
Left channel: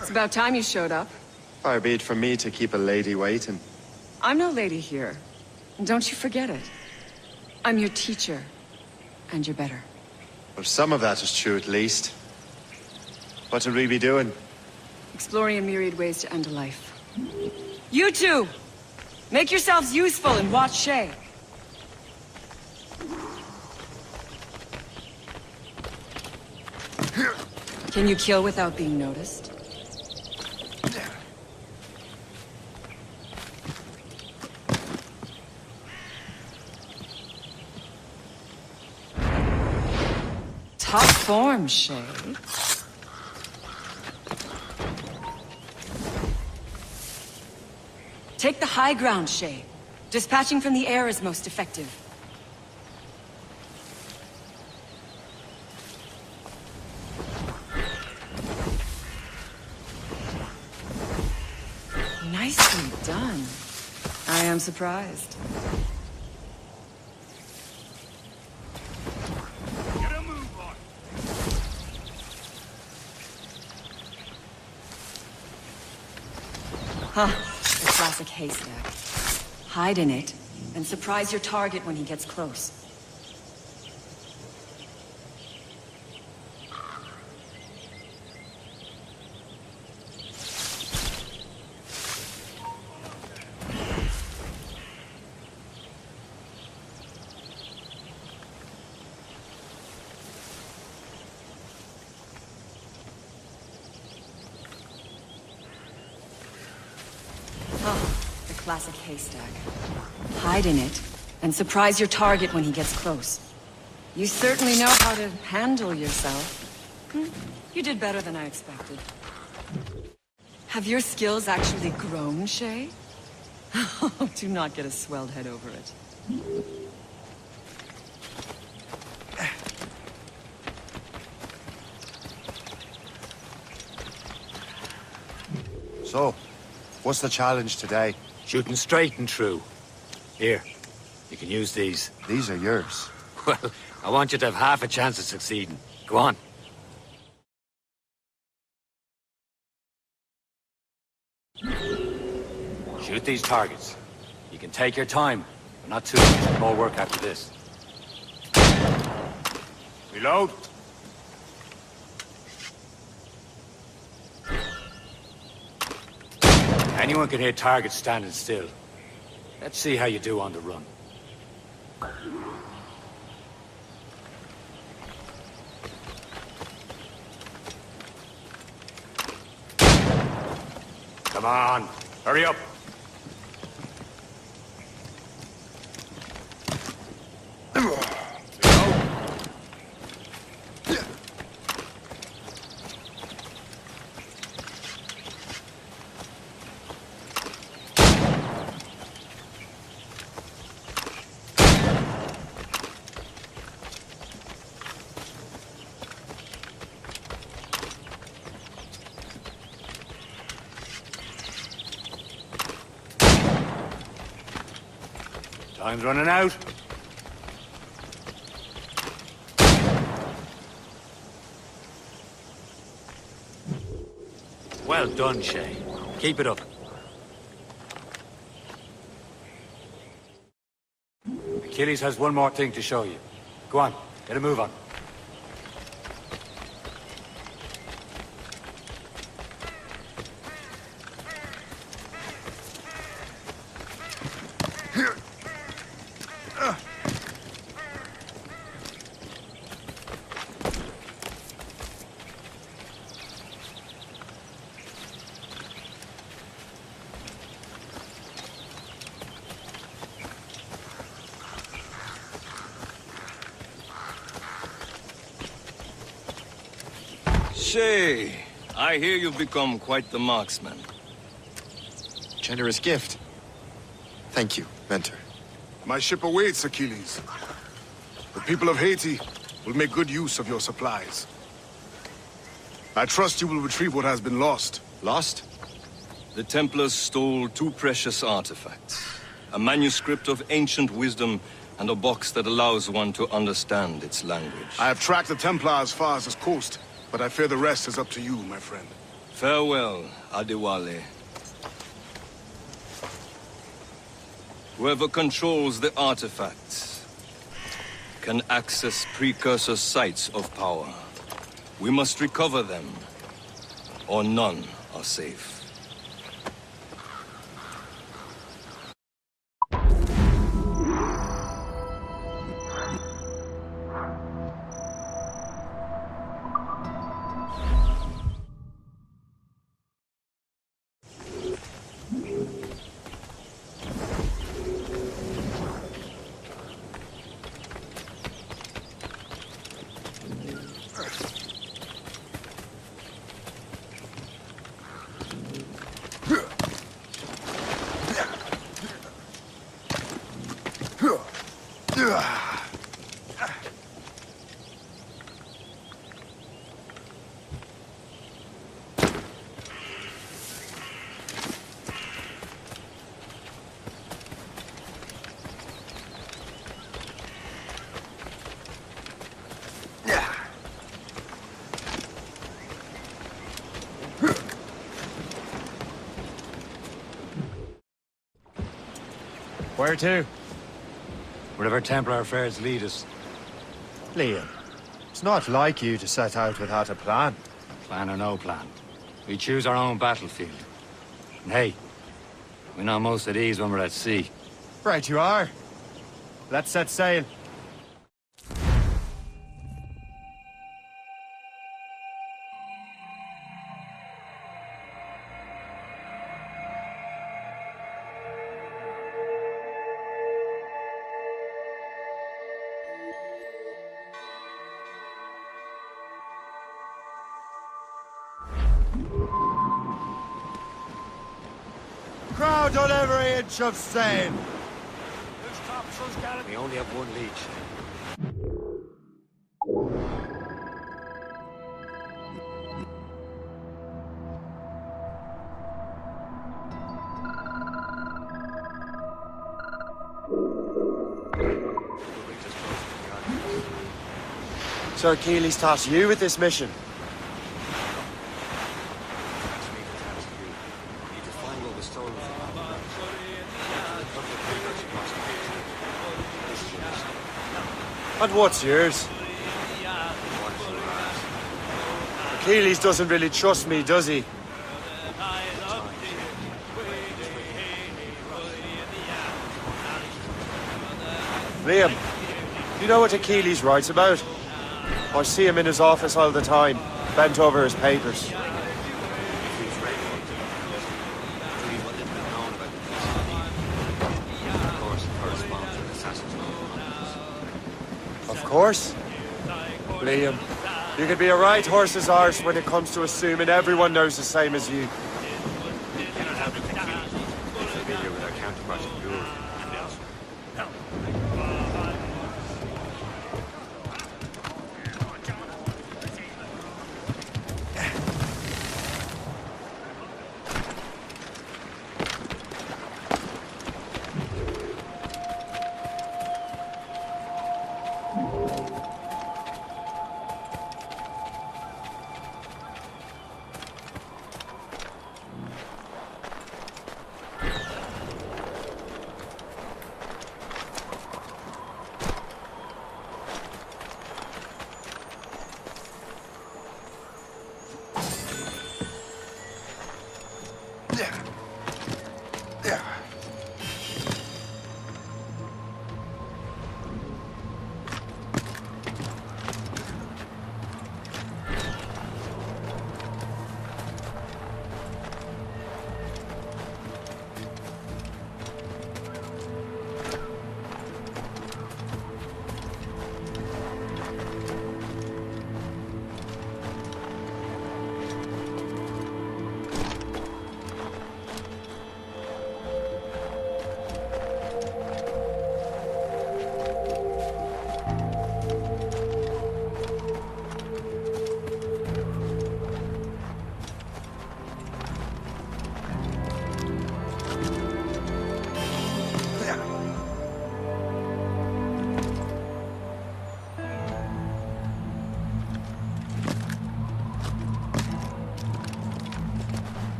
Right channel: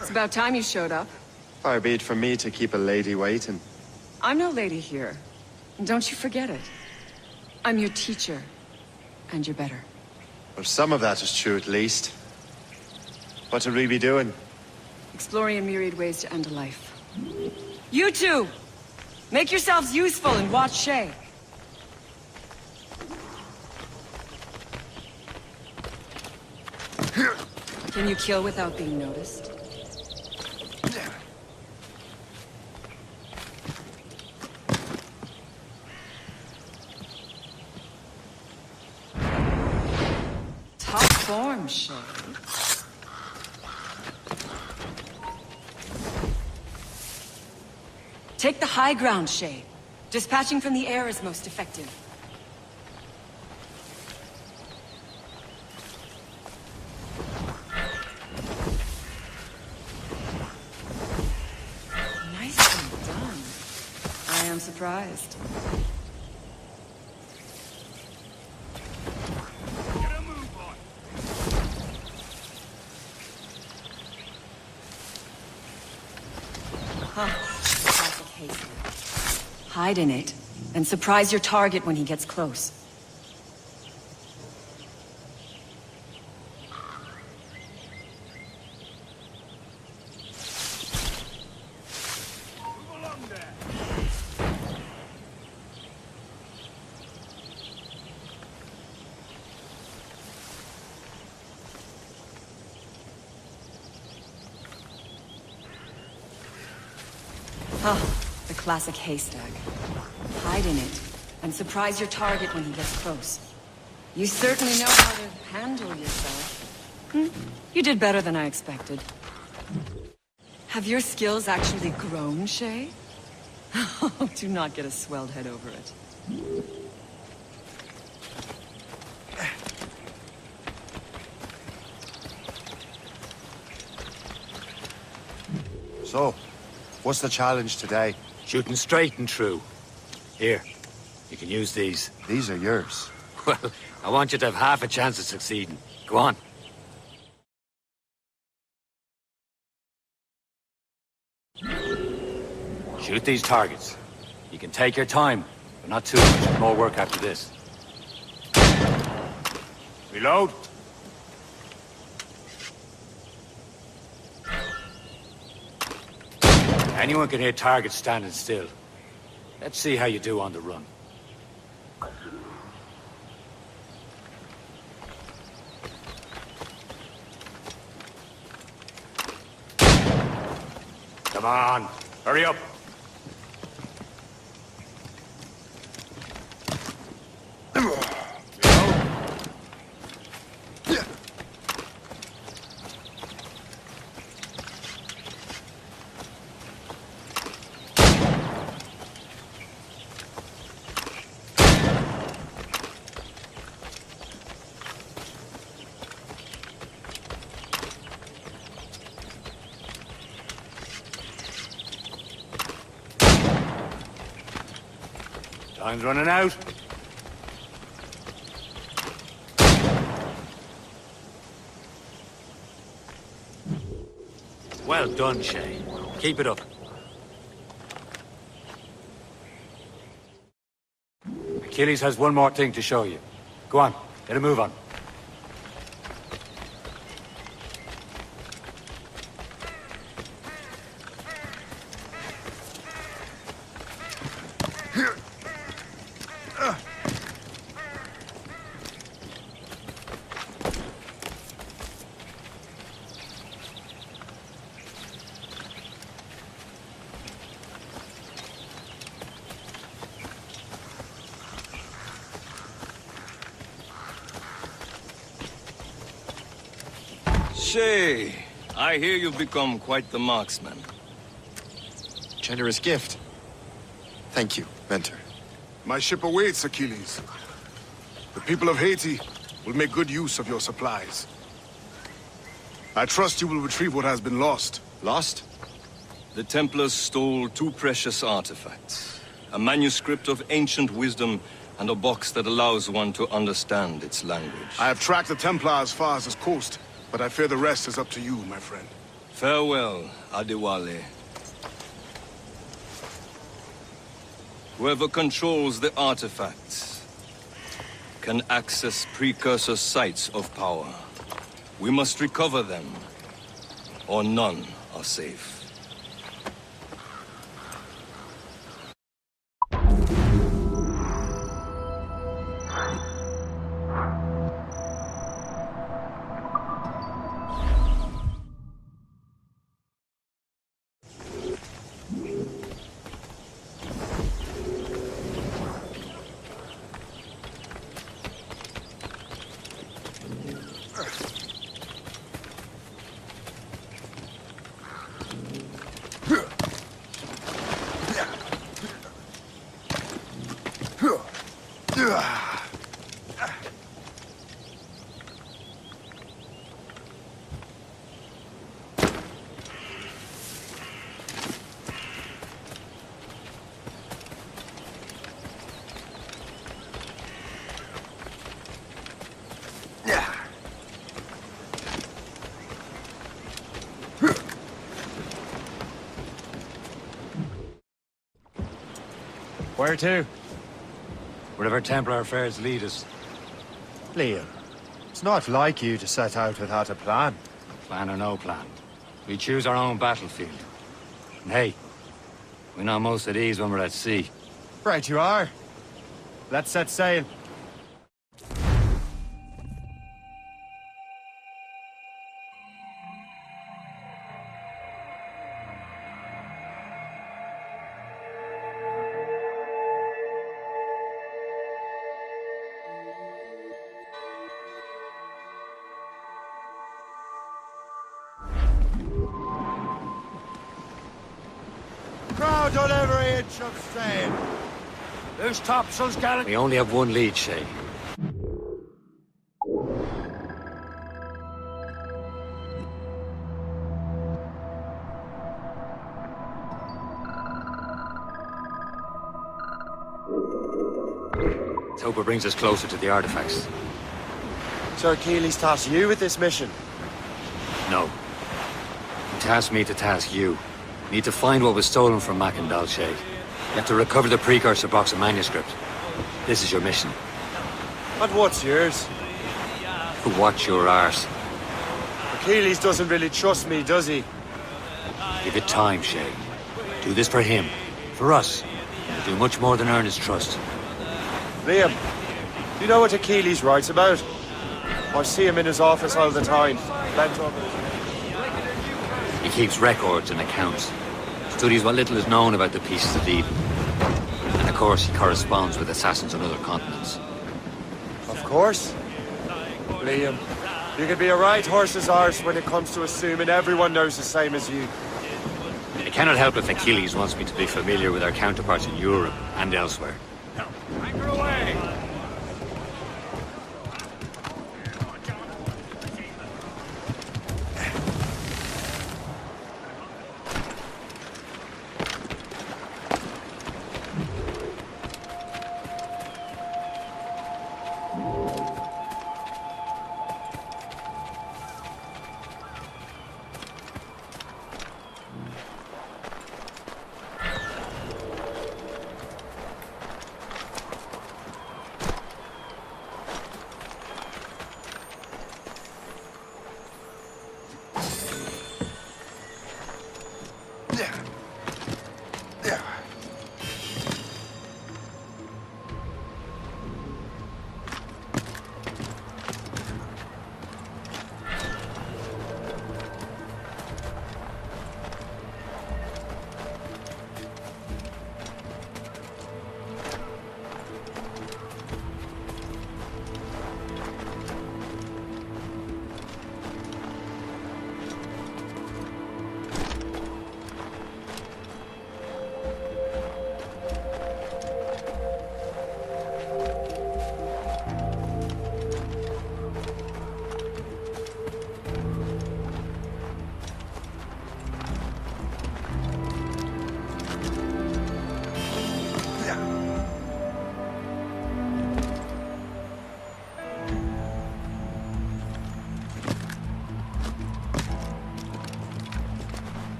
It's about time you showed up. Far be it from me to keep a lady waiting. I'm no lady here. And don't you forget it. I'm your teacher. And you're better. Well, some of that is true at least. What will we be doing? Exploring a myriad ways to end a life. You two! Make yourselves useful and watch Shay. Can you kill without being noticed? Top form, Shay. Take the high ground, Shay. Dispatching from the air is most effective. Nicely done. I am surprised. Get a move on. Huh. The classic haystack. Hide in it, and surprise your target when he gets close. Classic haystack. Hide in it, and surprise your target when he gets close. You certainly know how to handle yourself. You did better than I expected. Have your skills actually grown, Shay? Do not get a swelled head over it. So, what's the challenge today? Shooting straight and true. Here, you can use these. These are yours. Well, I want you to have half a chance of succeeding. Go on. Shoot these targets. You can take your time, but not too much more work after this. Reload. Anyone can hit targets standing still. Let's see how you do on the run. Time's running out. Well done, Shay. Keep it up. Achilles has one more thing to show you. Go on, get a move on. Shay, I hear you've become quite the marksman. Generous gift. Thank you, Mentor. My ship awaits, Achilles. The people of Haiti will make good use of your supplies. I trust you will retrieve what has been lost. Lost? The Templars stole 2 precious artifacts. A manuscript of ancient wisdom and a box that allows one to understand its language. I have tracked the Templar as far as this coast, but I fear the rest is up to you, my friend. Farewell, Adewale. Whoever controls the artifacts can access precursor sites of power. We must recover them, or none are safe. Where to? Wherever Templar affairs lead us. Liam, it's not like you to set out without a plan. Plan or no plan. We choose our own battlefield. And hey, we know most of these when we're at sea. Right you are. Let's set sail. Crowd on every inch of sail. Loose topsails, Garrett. We only have one lead, Shay. Let's hope it brings us closer to the artifacts. Sir Keeley's tasked you with this mission? No. He tasked me to task you. We need to find what was stolen from Mac and Dalshay. You have to recover the precursor box of manuscript. This is your mission. And what's yours? To watch your arse. Achilles doesn't really trust me, does he? Give it time, Shay. Do this for him. For us. Do much more than earn his trust. Liam, do you know what Achilles writes about? I see him in his office all the time, bent over his papers. He keeps records and accounts. Studies what little is known about the pieces of Eden. And of course, he corresponds with assassins on other continents. Of course. Liam, you could be a right horse's arse when it comes to assuming everyone knows the same as you. It cannot help if Achilles wants me to be familiar with our counterparts in Europe and elsewhere.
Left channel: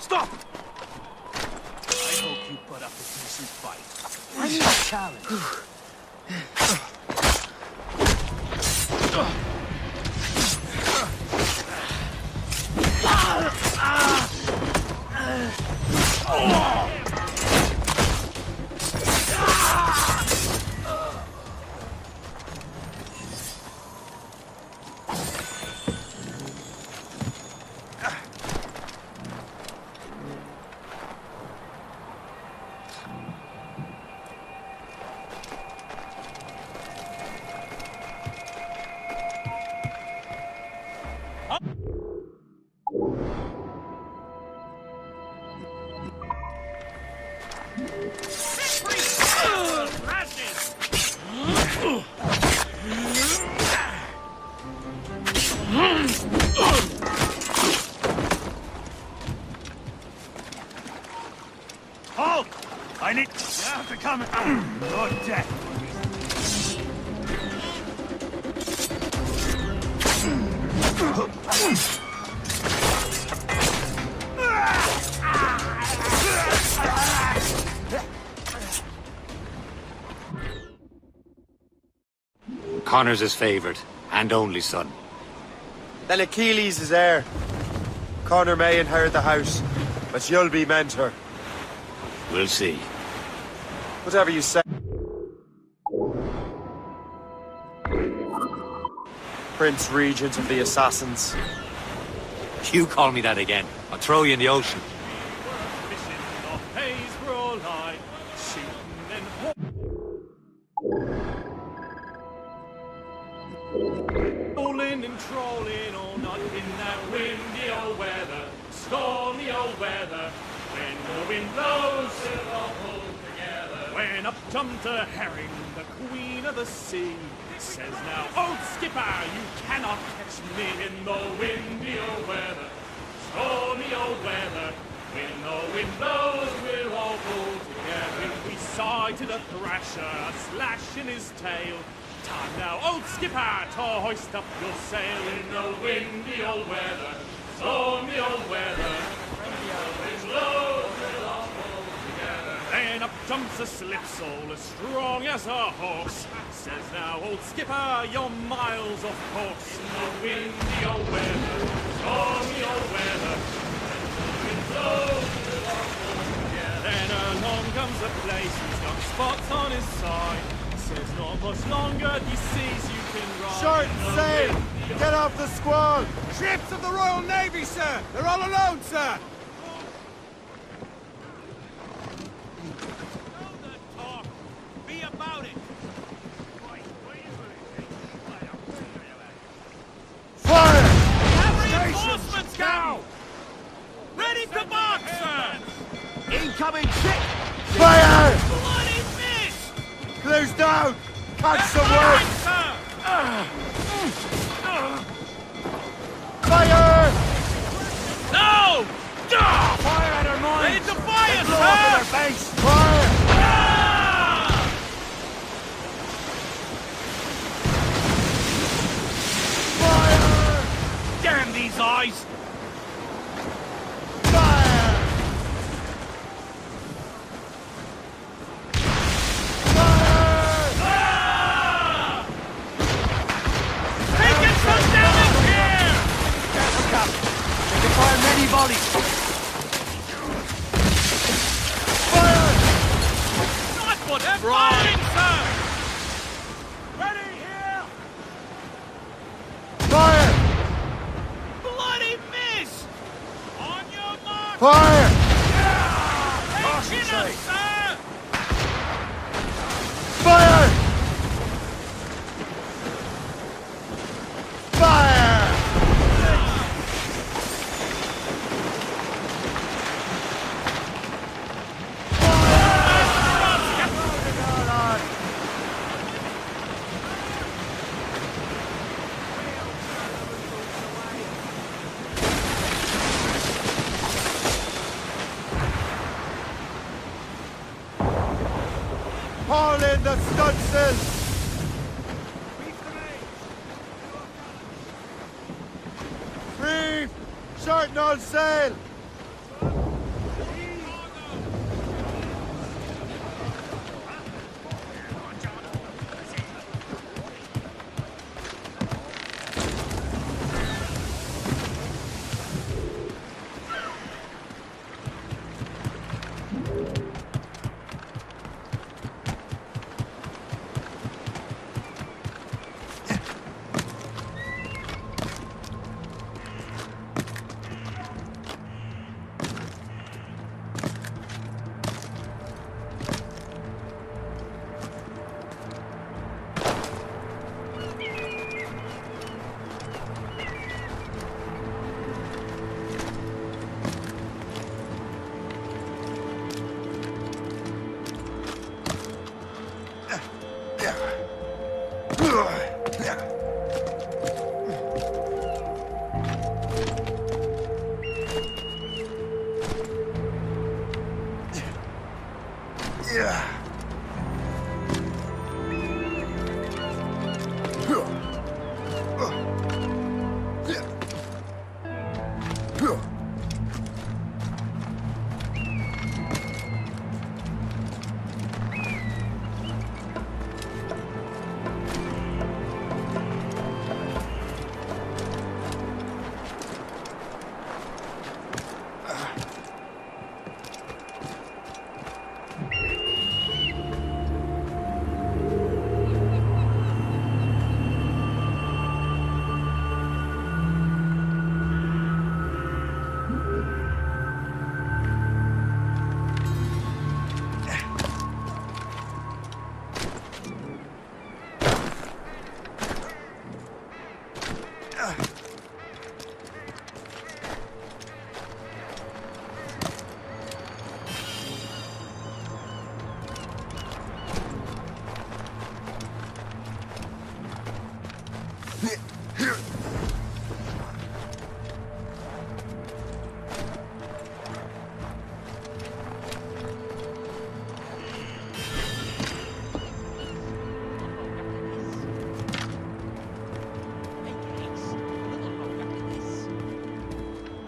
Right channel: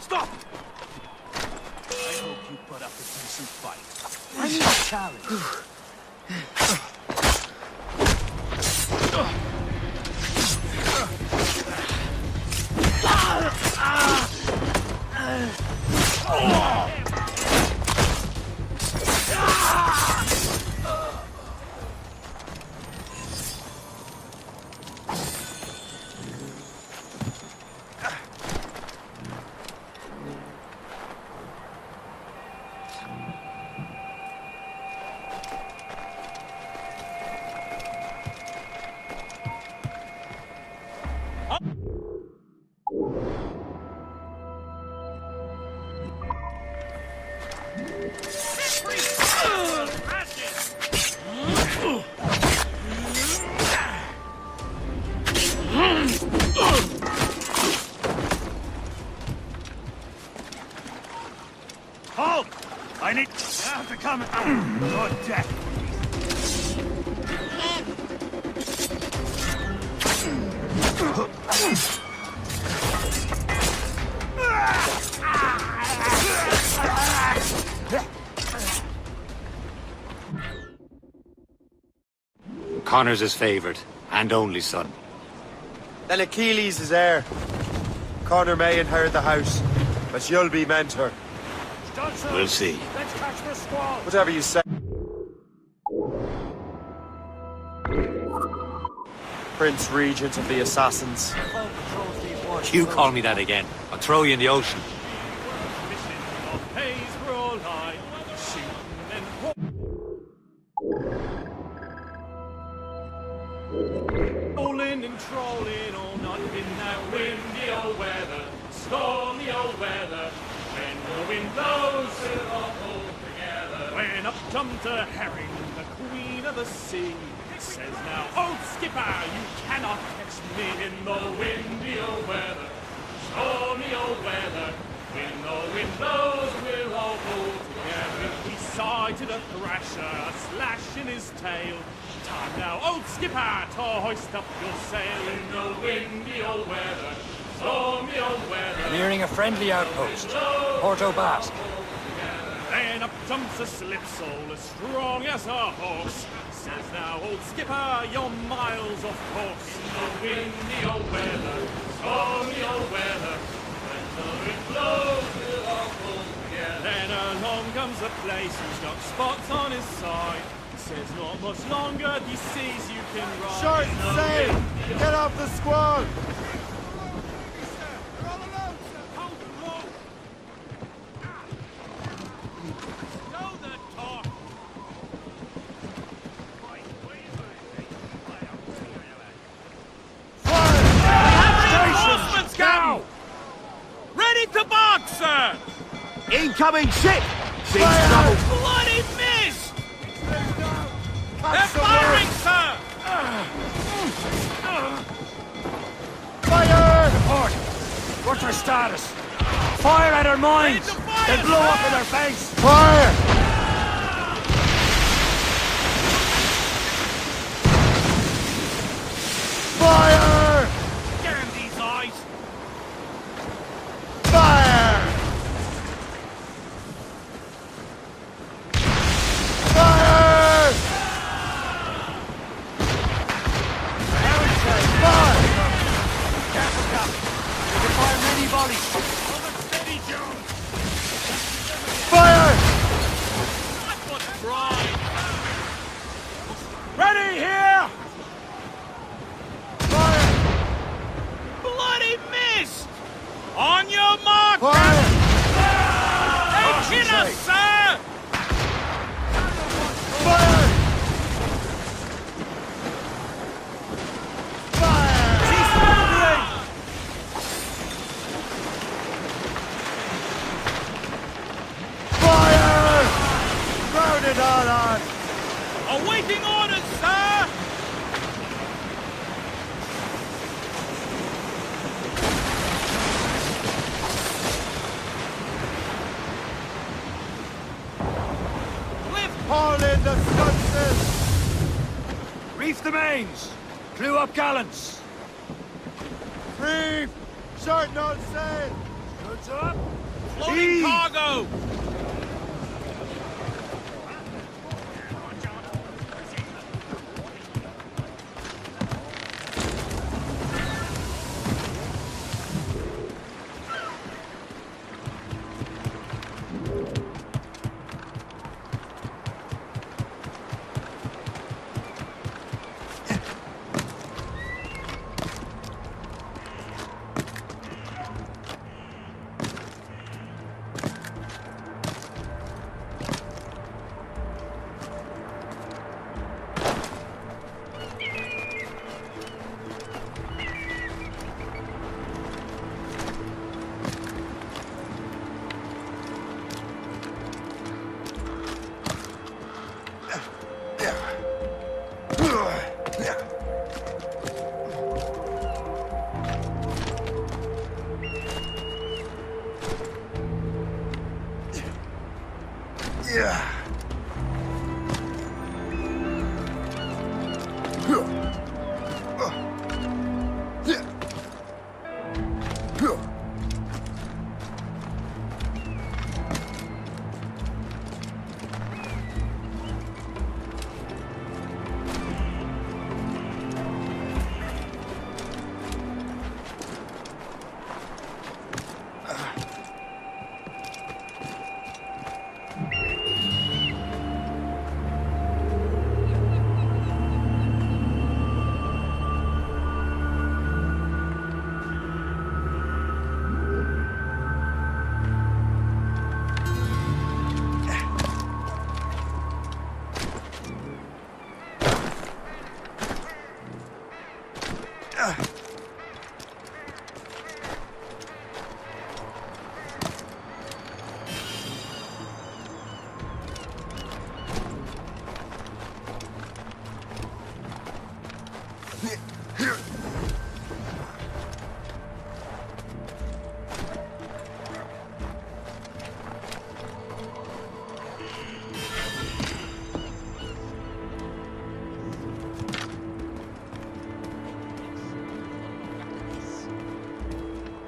Stop! I hope you put up a decent fight. I need a challenge. Halt! I need... You have to come... Connor's his favourite, and only son. Then Achilles is heir. Connor may inherit the house, but you'll be mentor. We'll see. Whatever you say. Prince Regent of the Assassins. You call me that again, I'll throw you in the ocean. Rolling and trolling all night in that windy old weather, stormy old weather. When the wind blows, we'll all pull together. When up jumped a herring, the queen of the sea, says now, "Oh, skipper, you cannot catch me in the windy old weather, stormy old weather. When the wind blows, we'll all pull together." He sighted a thrasher, a slash in his tail. Time now, old skipper, to hoist up your sail in the windy old weather, stormy old weather. Nearing a friendly outpost, Porto Basque. Then up jumps a slipsail as strong as a horse. Says now, old skipper, you're miles off course. In the windy old weather, stormy old weather. When the wind blows, we'll all pull together. Then along comes a place who's got spots on his side. Says not much longer, he sees you can ride. Short sail! Get off the squall! Ships of the Royal Navy, sir! They're all alone, sir! Know the talk. Be about it. Fire! Reinforcements now! Ready to box, sir! Incoming ship! Fire! Close down! Catch some firing, work! sir! Fire! What's the status? Fire at our mines! Ready to fire, They blow sir! up in our face! Fire! Fire! Damn these eyes! Fire! Fire! Careful, Cap. They can fire many volleys. Fire! Firing, sir! Ready here! Fire! Bloody miss! On your mark! Fire! They kill us, sir! Fire! Hold on! Awaiting orders, sir! Haul in the stunsails! Reef the mains! Clew up gallants! Reef! Shorten all sail! Goods up! Loading cargo! Yeah.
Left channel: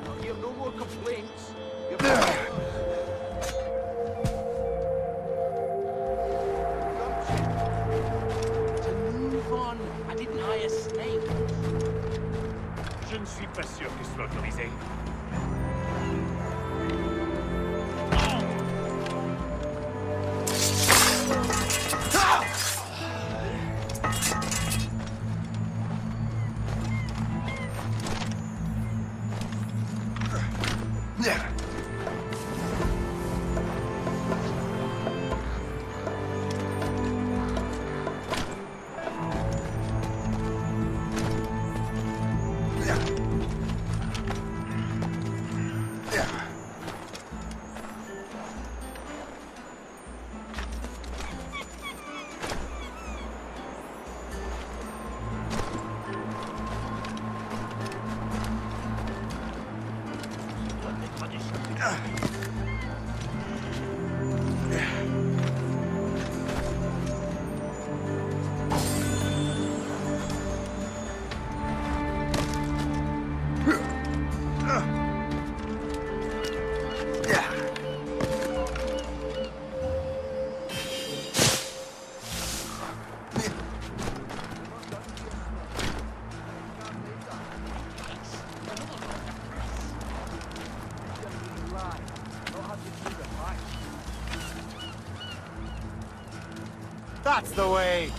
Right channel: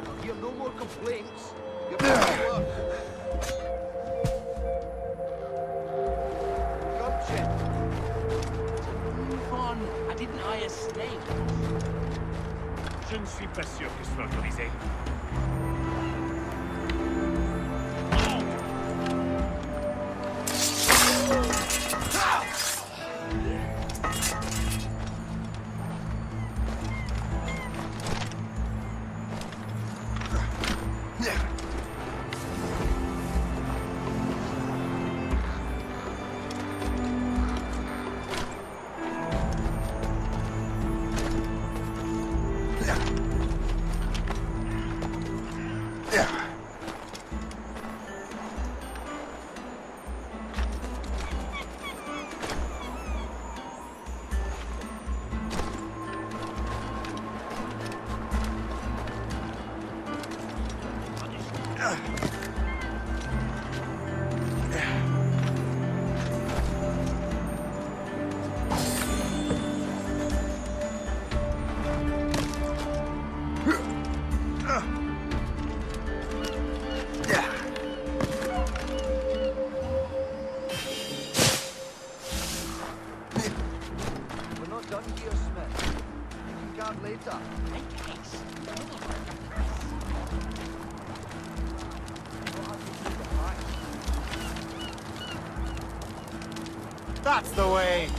I'll hear no more complaints. Gumption. Je ne suis pas sûr que ce soit autorisé. We're not done here, Smith. Guard later. I'll have you through the fight. That's the way!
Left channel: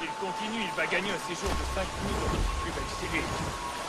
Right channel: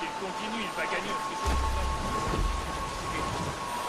S'il continue, il va gagner un séjour de 5 nuits dans une plus belle série.